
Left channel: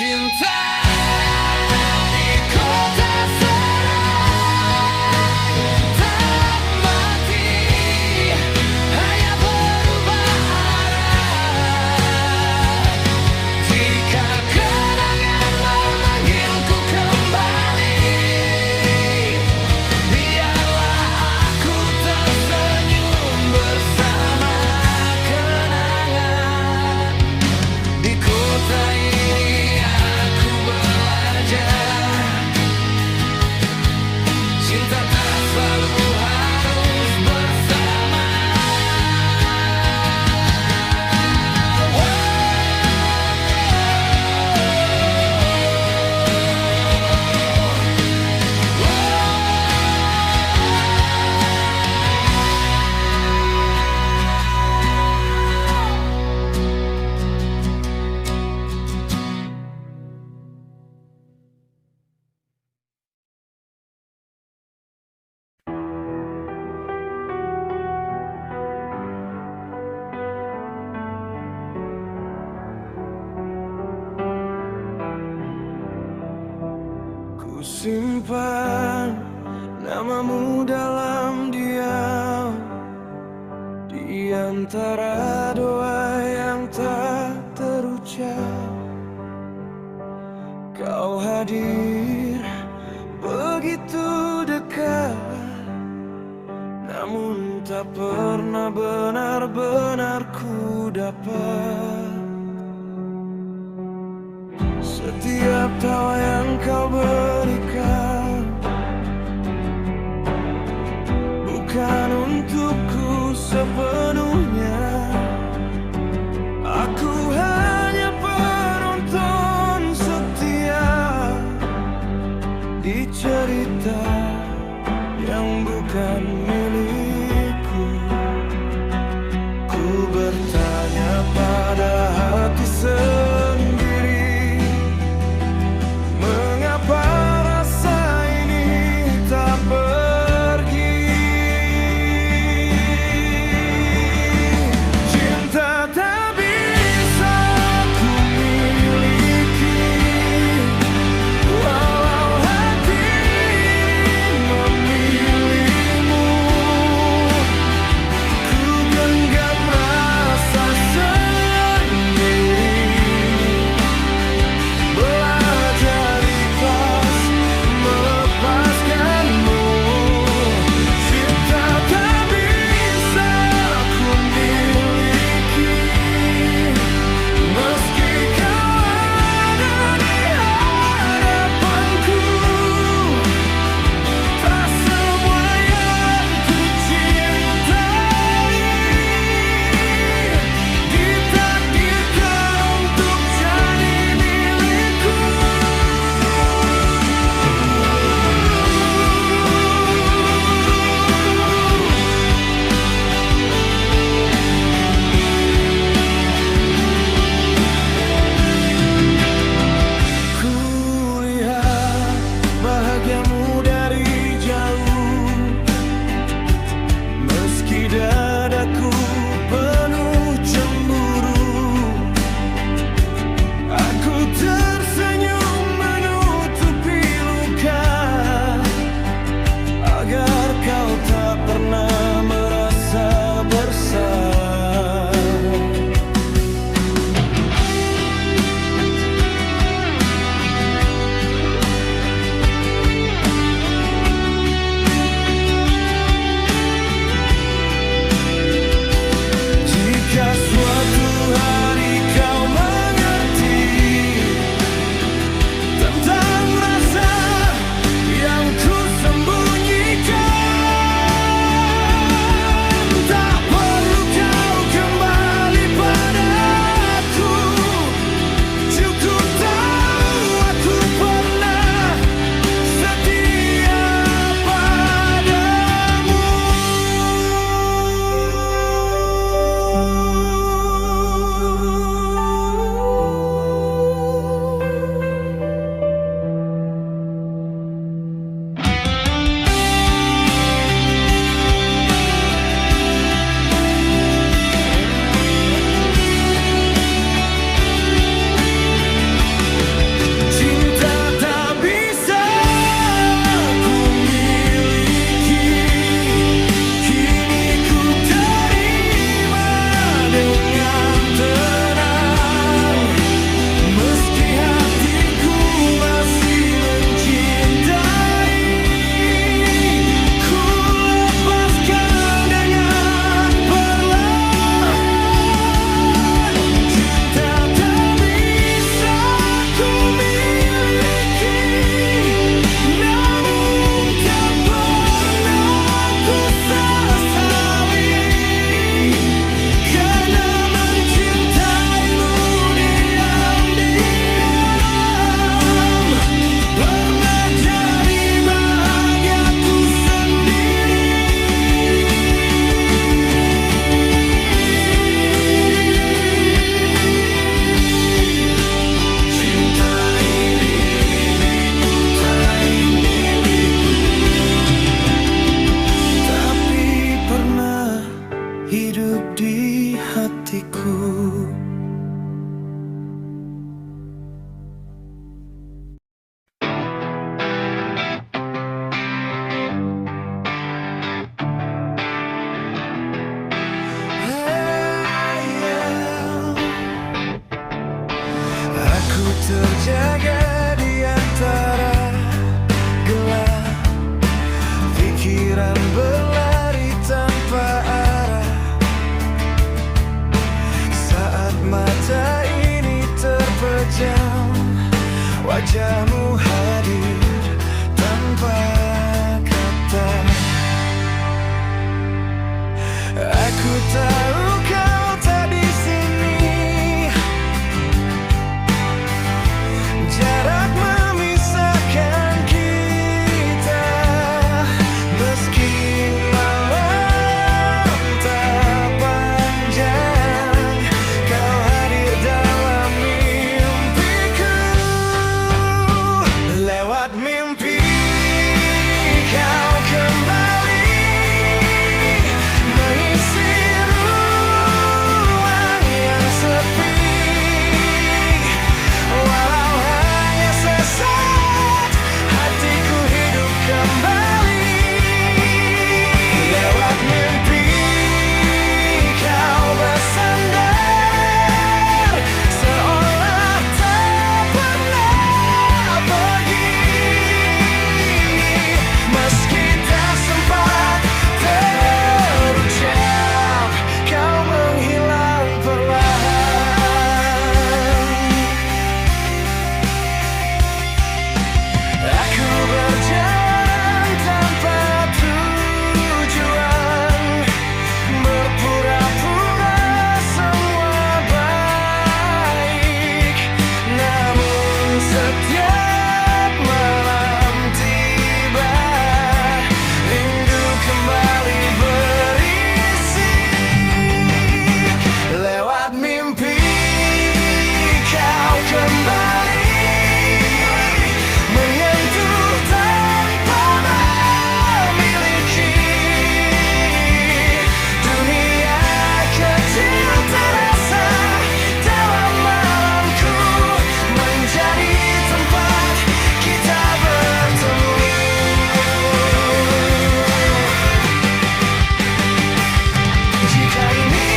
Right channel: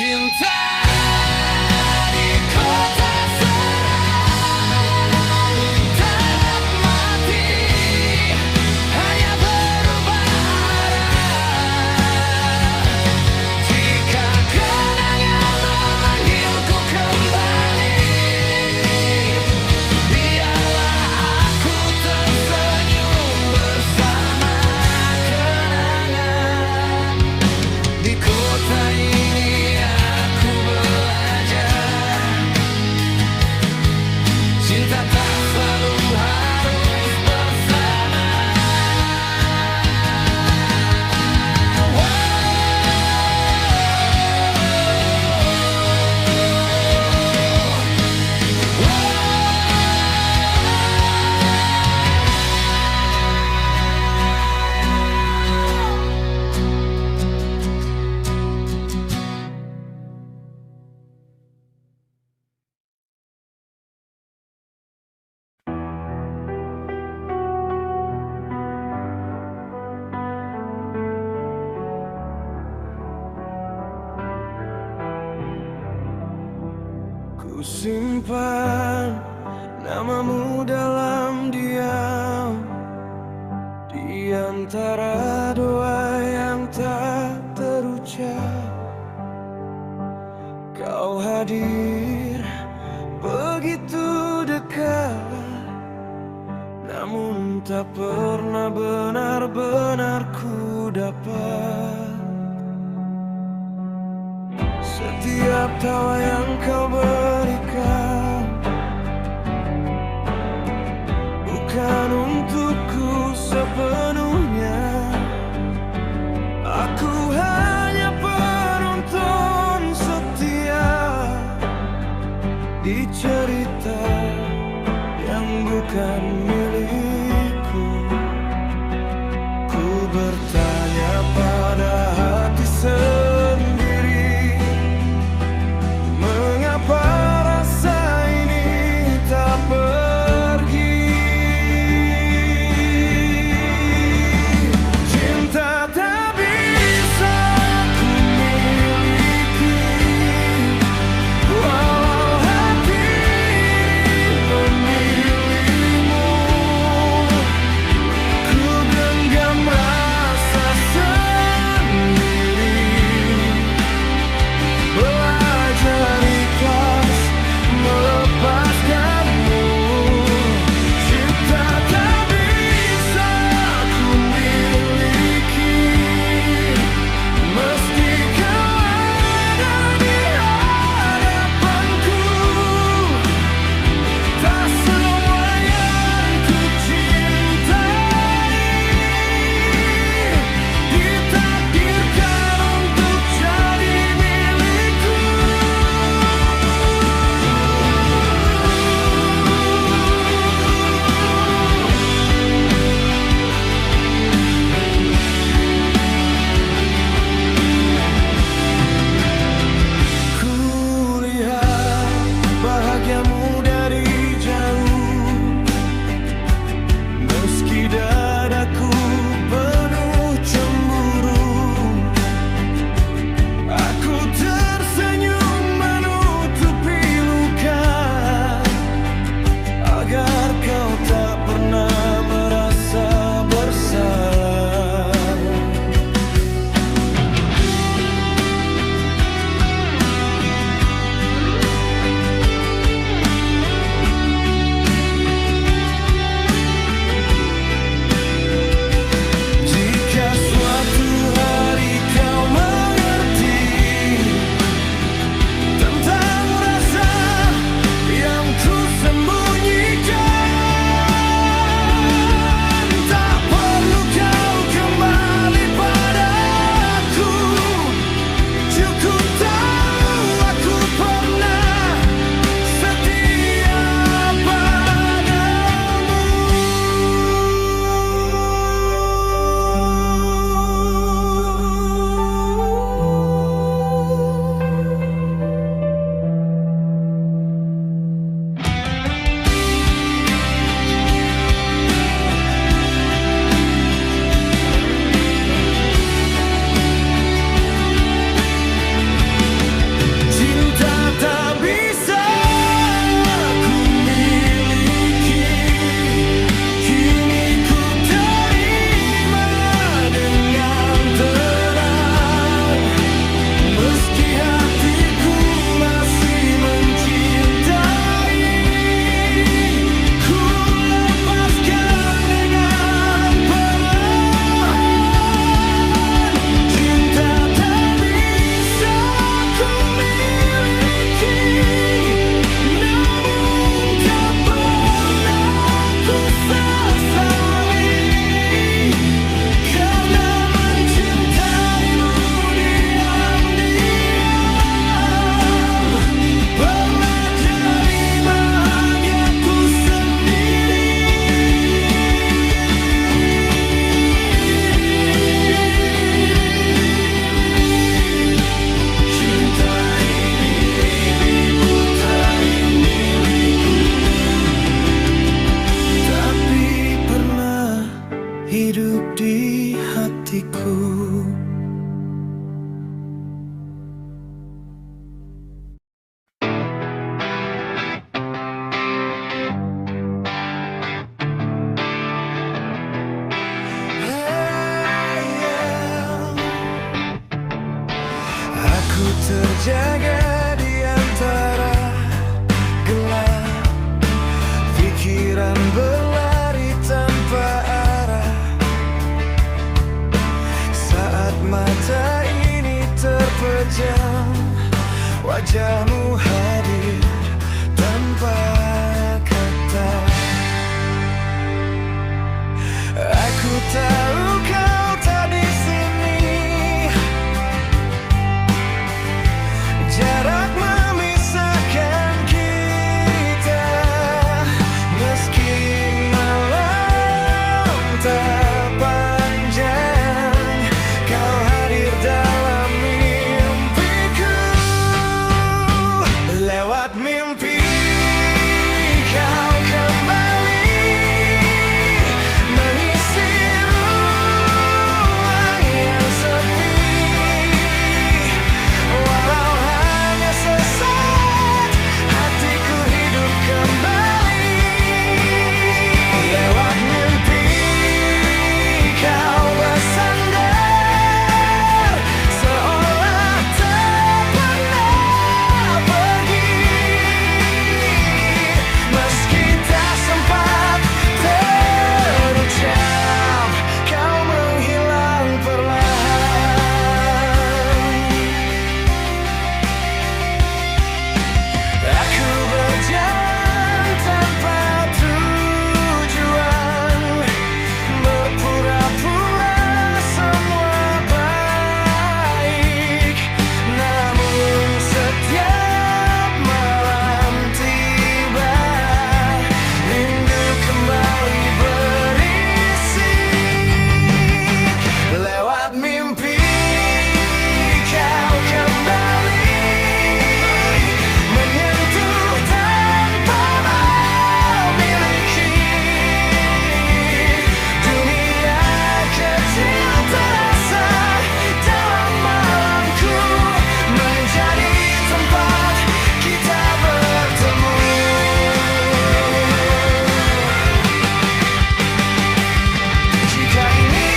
Cinta di kota seram tak mati, hanya berubah arah. Jika kenangan memanggilku kembali, biarlah aku tersenyum bersama kenangan. Di kota ini cinta tak selalu harus bersama. Ku simpan namamu dalam diam, di antara doa yang tak terucap. Kau hadir begitu dekat, namun tak pernah benar-benar ku dapat. Setiap tawa yang kau berikan bukan untukku sepenuhnya. Aku hanya penonton setia di cerita yang bukan milikku. Ku bertanya pada hati sendiri, mengapa rasa ini tak pergi? Cinta tak bisa ku miliki, walau hati ini memilihmu. Ku genggam rasa sendiri, belajar ikhlas melepaskanmu. Cinta tak bisa ku miliki, meski kau ada di hadapanku. Tak semua yang ku cintai ditakdirkan untuk jadi milikku. Kulihat bahagiamu dari jauh, meski dadaku penuh cemburu. Aku tersenyum menutupi luka, agar kau tak pernah merasa bersalah. hatiku. Aku terjaga di antara gelap, pikiran berlari tanpa arah. Saat mata ini terpejam, wajahmu hadir tanpa kata. Aku tahu kau tak di sini. Jarak memisahkan kita, meski malam tak panjang, kau hadir dalam mimpiku. Lewat mimpi kau kembali mengisi ruang yang sepi. Walau hanya sesaat, hatiku hidup kembali. Lewat mimpi kau bersandar, seolah tak pernah pergi. Meski tak sempat terucap, kau menghilang perlahan. Aku berjalan tanpa tujuan, berpura-pura semua baik. Namun setiap malam tiba, rindu kembali berisik. Lewat mimpi kau kembali menyentuh tanpa memiliki. Dunia kecil terasa dalam malamku, menjadi tempat kita bertemu. Jika ini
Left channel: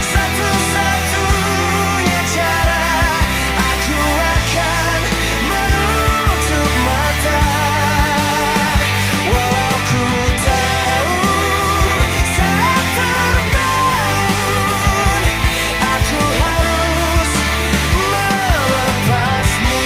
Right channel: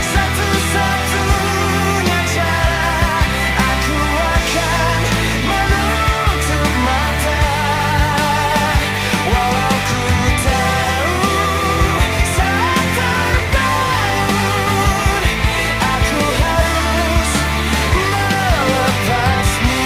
satu-satunya cara, aku akan menutup mata. Walau ku tahu saat terbangun, aku harus melepasmu.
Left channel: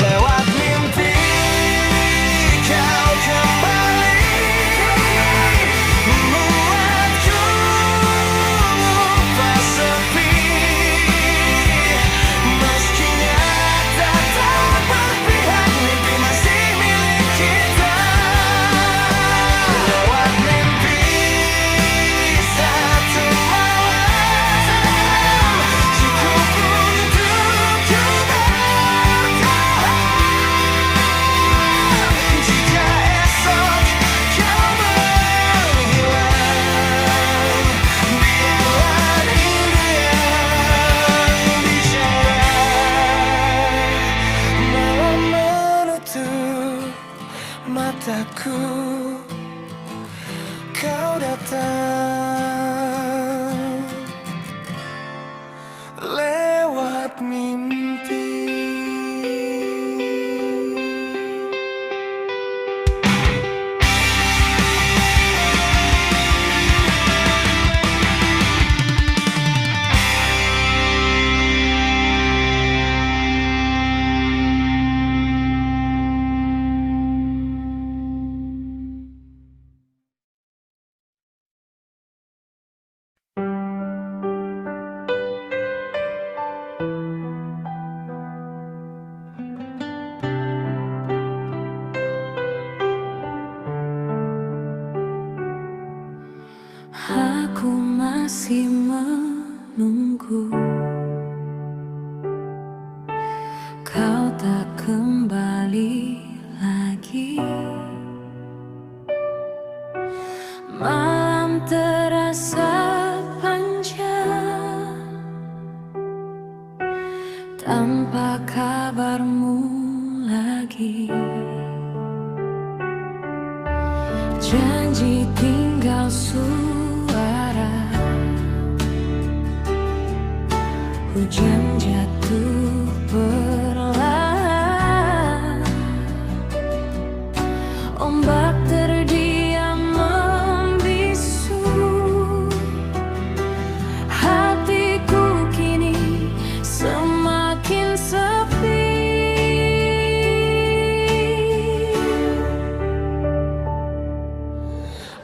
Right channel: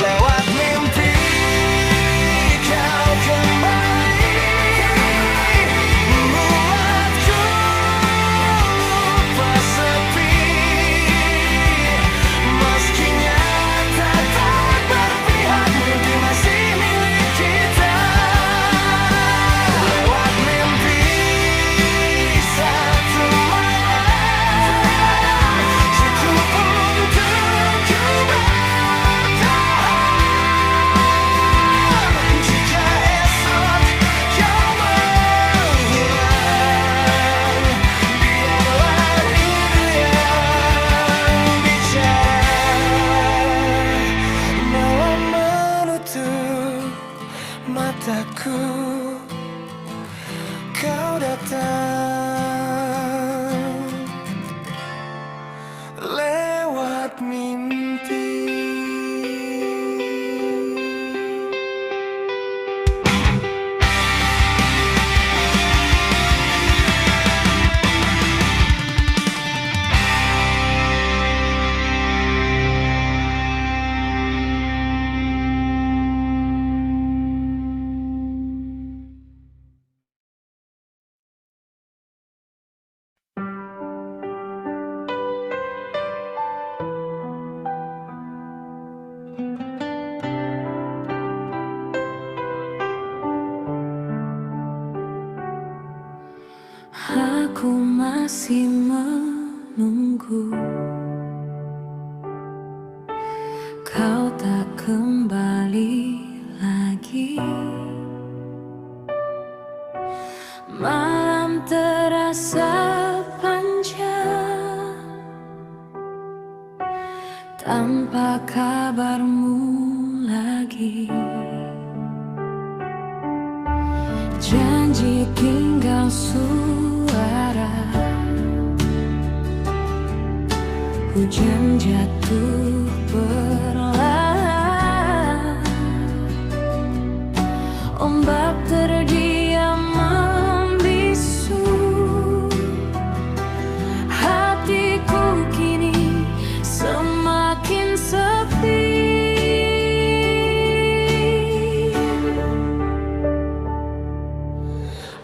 Lewat mimpi kau kembali, membuatku lupa sepi. Meski nyata tak berpihak, mimpi masih milik kita. Lewat mimpi satu malam, cukup untukku bertahan. Jika esok kau menghilang, biarlah rindu yang bicara. Malam menutup mataku, kau datang lewat mimpi. Aku masih menunggu kau tak kembali lagi. Malam terasa panjang tanpa kabarmu lagi. Janji tinggal suara, hujan jatuh perlahan, ombak terdiam membisu. Hatiku kini semakin sepi.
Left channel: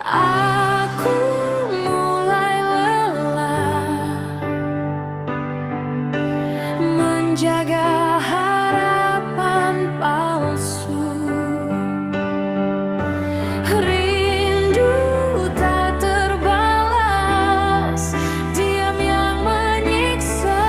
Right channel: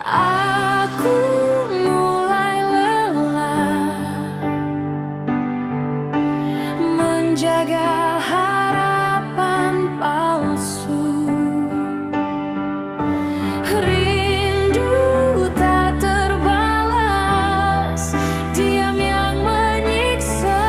Aku mulai lelah menjaga harapan palsu. Rindu tak terbalas, diam yang menyiksa.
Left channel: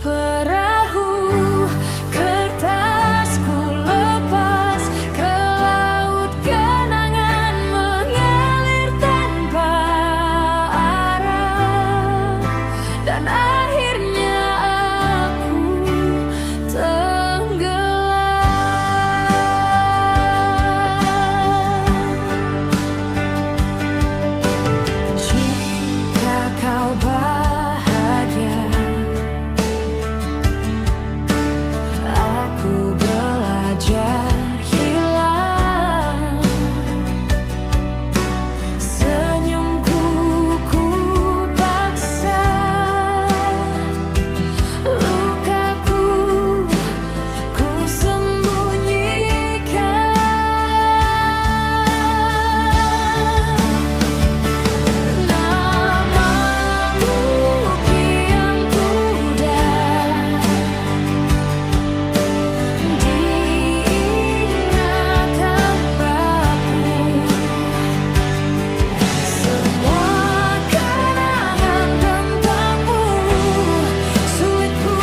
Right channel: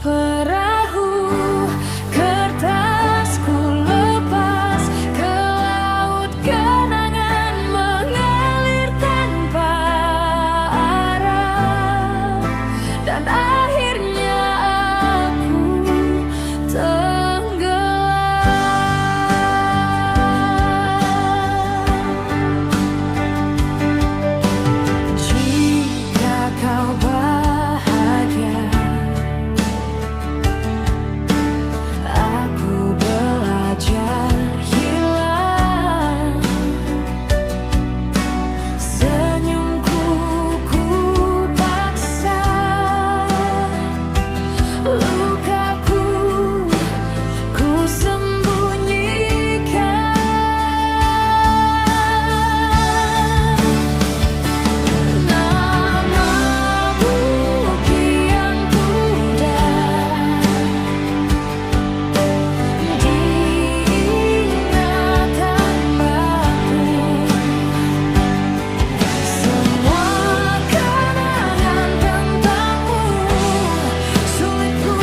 Perahu kertasku lepas ke laut, kenangan mengalir tanpa arah, dan akhirnya aku tenggelam. Jika kau bahagia, aku belajar hilang. Senyumku ku paksa, lukaku ku sembunyikan. Namamu kian pudar diingatan rapuh. Semua kenangan tentangmu sulit ku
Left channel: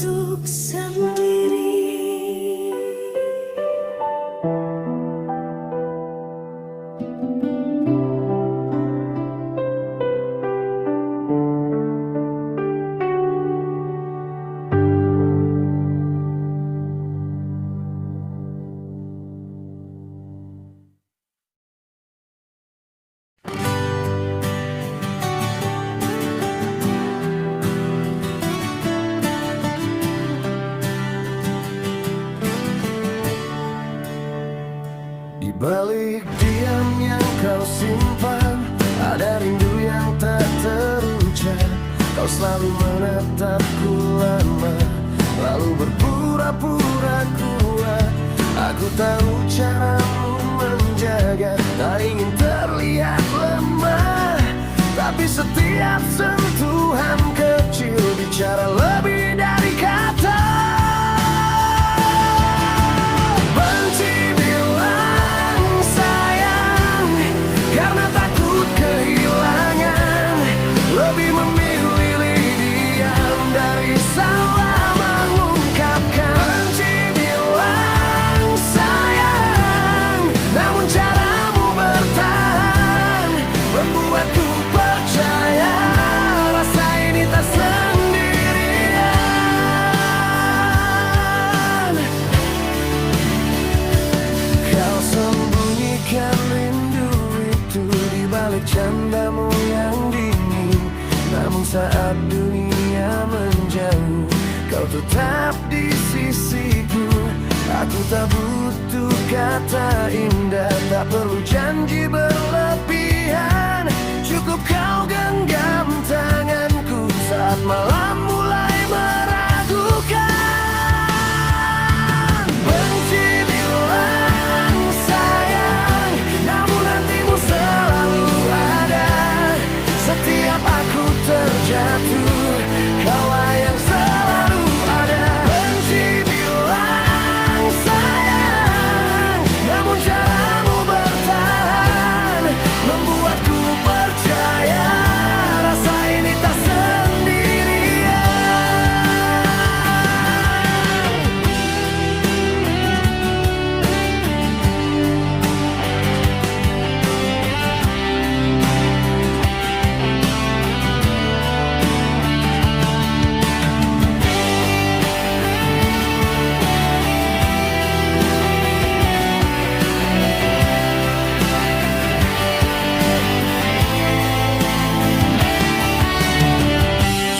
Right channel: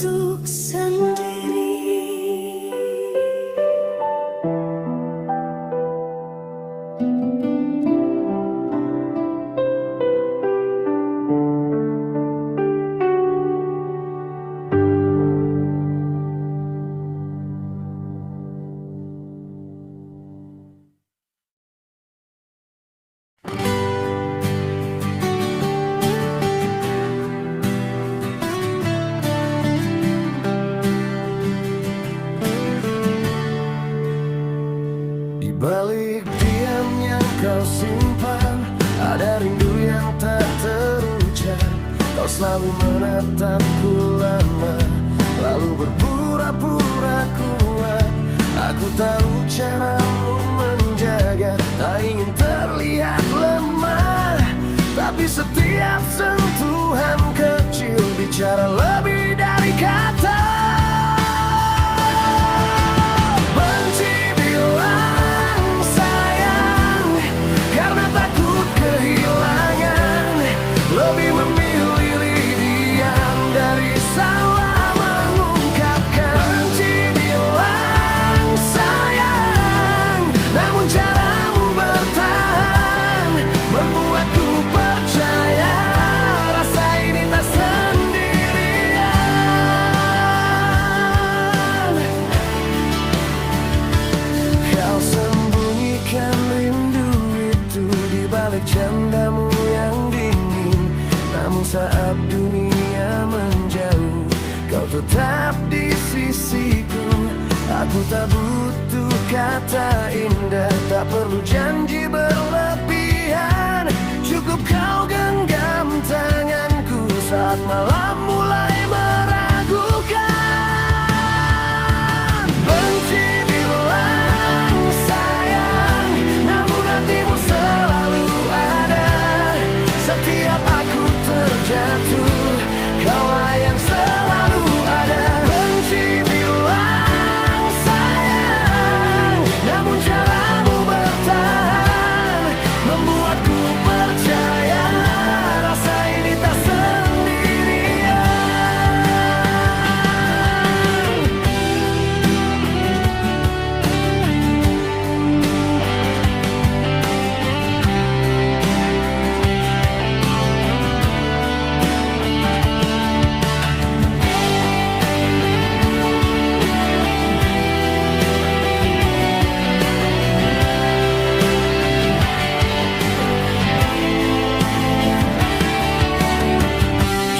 untuk sendiri. Di balik diam yang kau simpan, ada rindu yang tak terucap. Kau selalu menatapku lama, lalu berpura-pura kuat. Aku tahu caramu menjaga, tak ingin terlihat lemah. Tapi setiap sentuhan kecil bicara lebih dari kata. Benci bilang sayang karena takut kehilangan, lebih memilih diam dari salah mengungkapkan. Benci bilang sayang, namun caramu bertahan membuatku percaya rasa ini tak sendirian. Kau sembunyikan rindu itu di balik candamu yang dingin, namun saat dunia menjauh, kau tetap di sisiku. Aku tak butuh kata indah, tak perlu janji berlebihan. Cukup kau genggam tanganku saat malam mulai meragukan. Benci bilang sayang, namun hatimu selalu ada. Setiap aku terjatuh, kaulah yang selalu ada. Benci bilang sayang, namun caramu bertahan membuatku percaya rasa ini tak sendirian.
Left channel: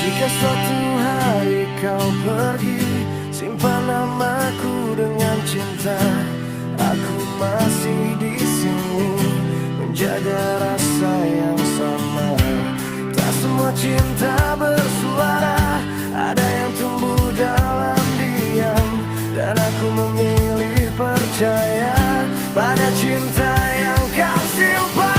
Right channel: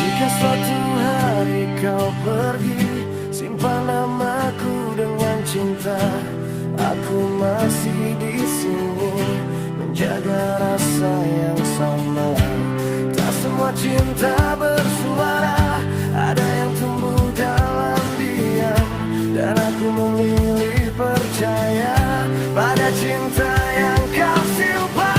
Jika suatu hari kau pergi, simpan namaku dengan cinta. Aku masih di sini menjaga rasa yang sama. Tak semua cinta bersuara, ada yang tumbuh dalam diam, dan aku memilih percaya pada cinta yang kau simpan.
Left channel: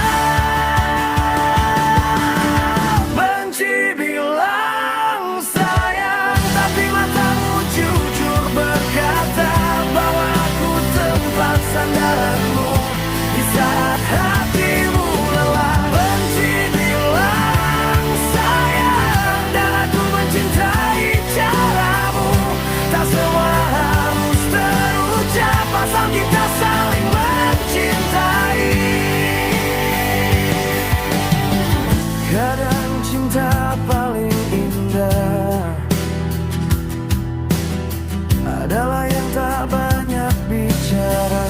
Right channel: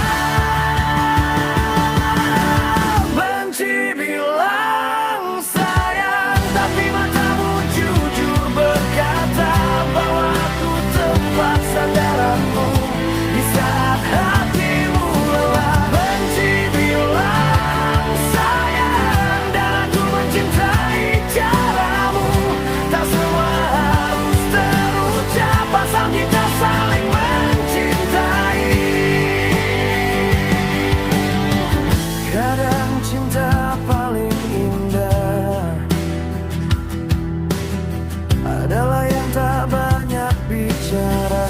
Benci bilang sayang, tapi matamu jujur berkata bahwa aku tempat sandaranmu di saat hatimu lelah. Benci bilang sayang, dan aku mencintai caramu. Tak semua harus terucap asal kita saling mencintai. Kadang cinta paling indah adalah yang tak banyak bicara.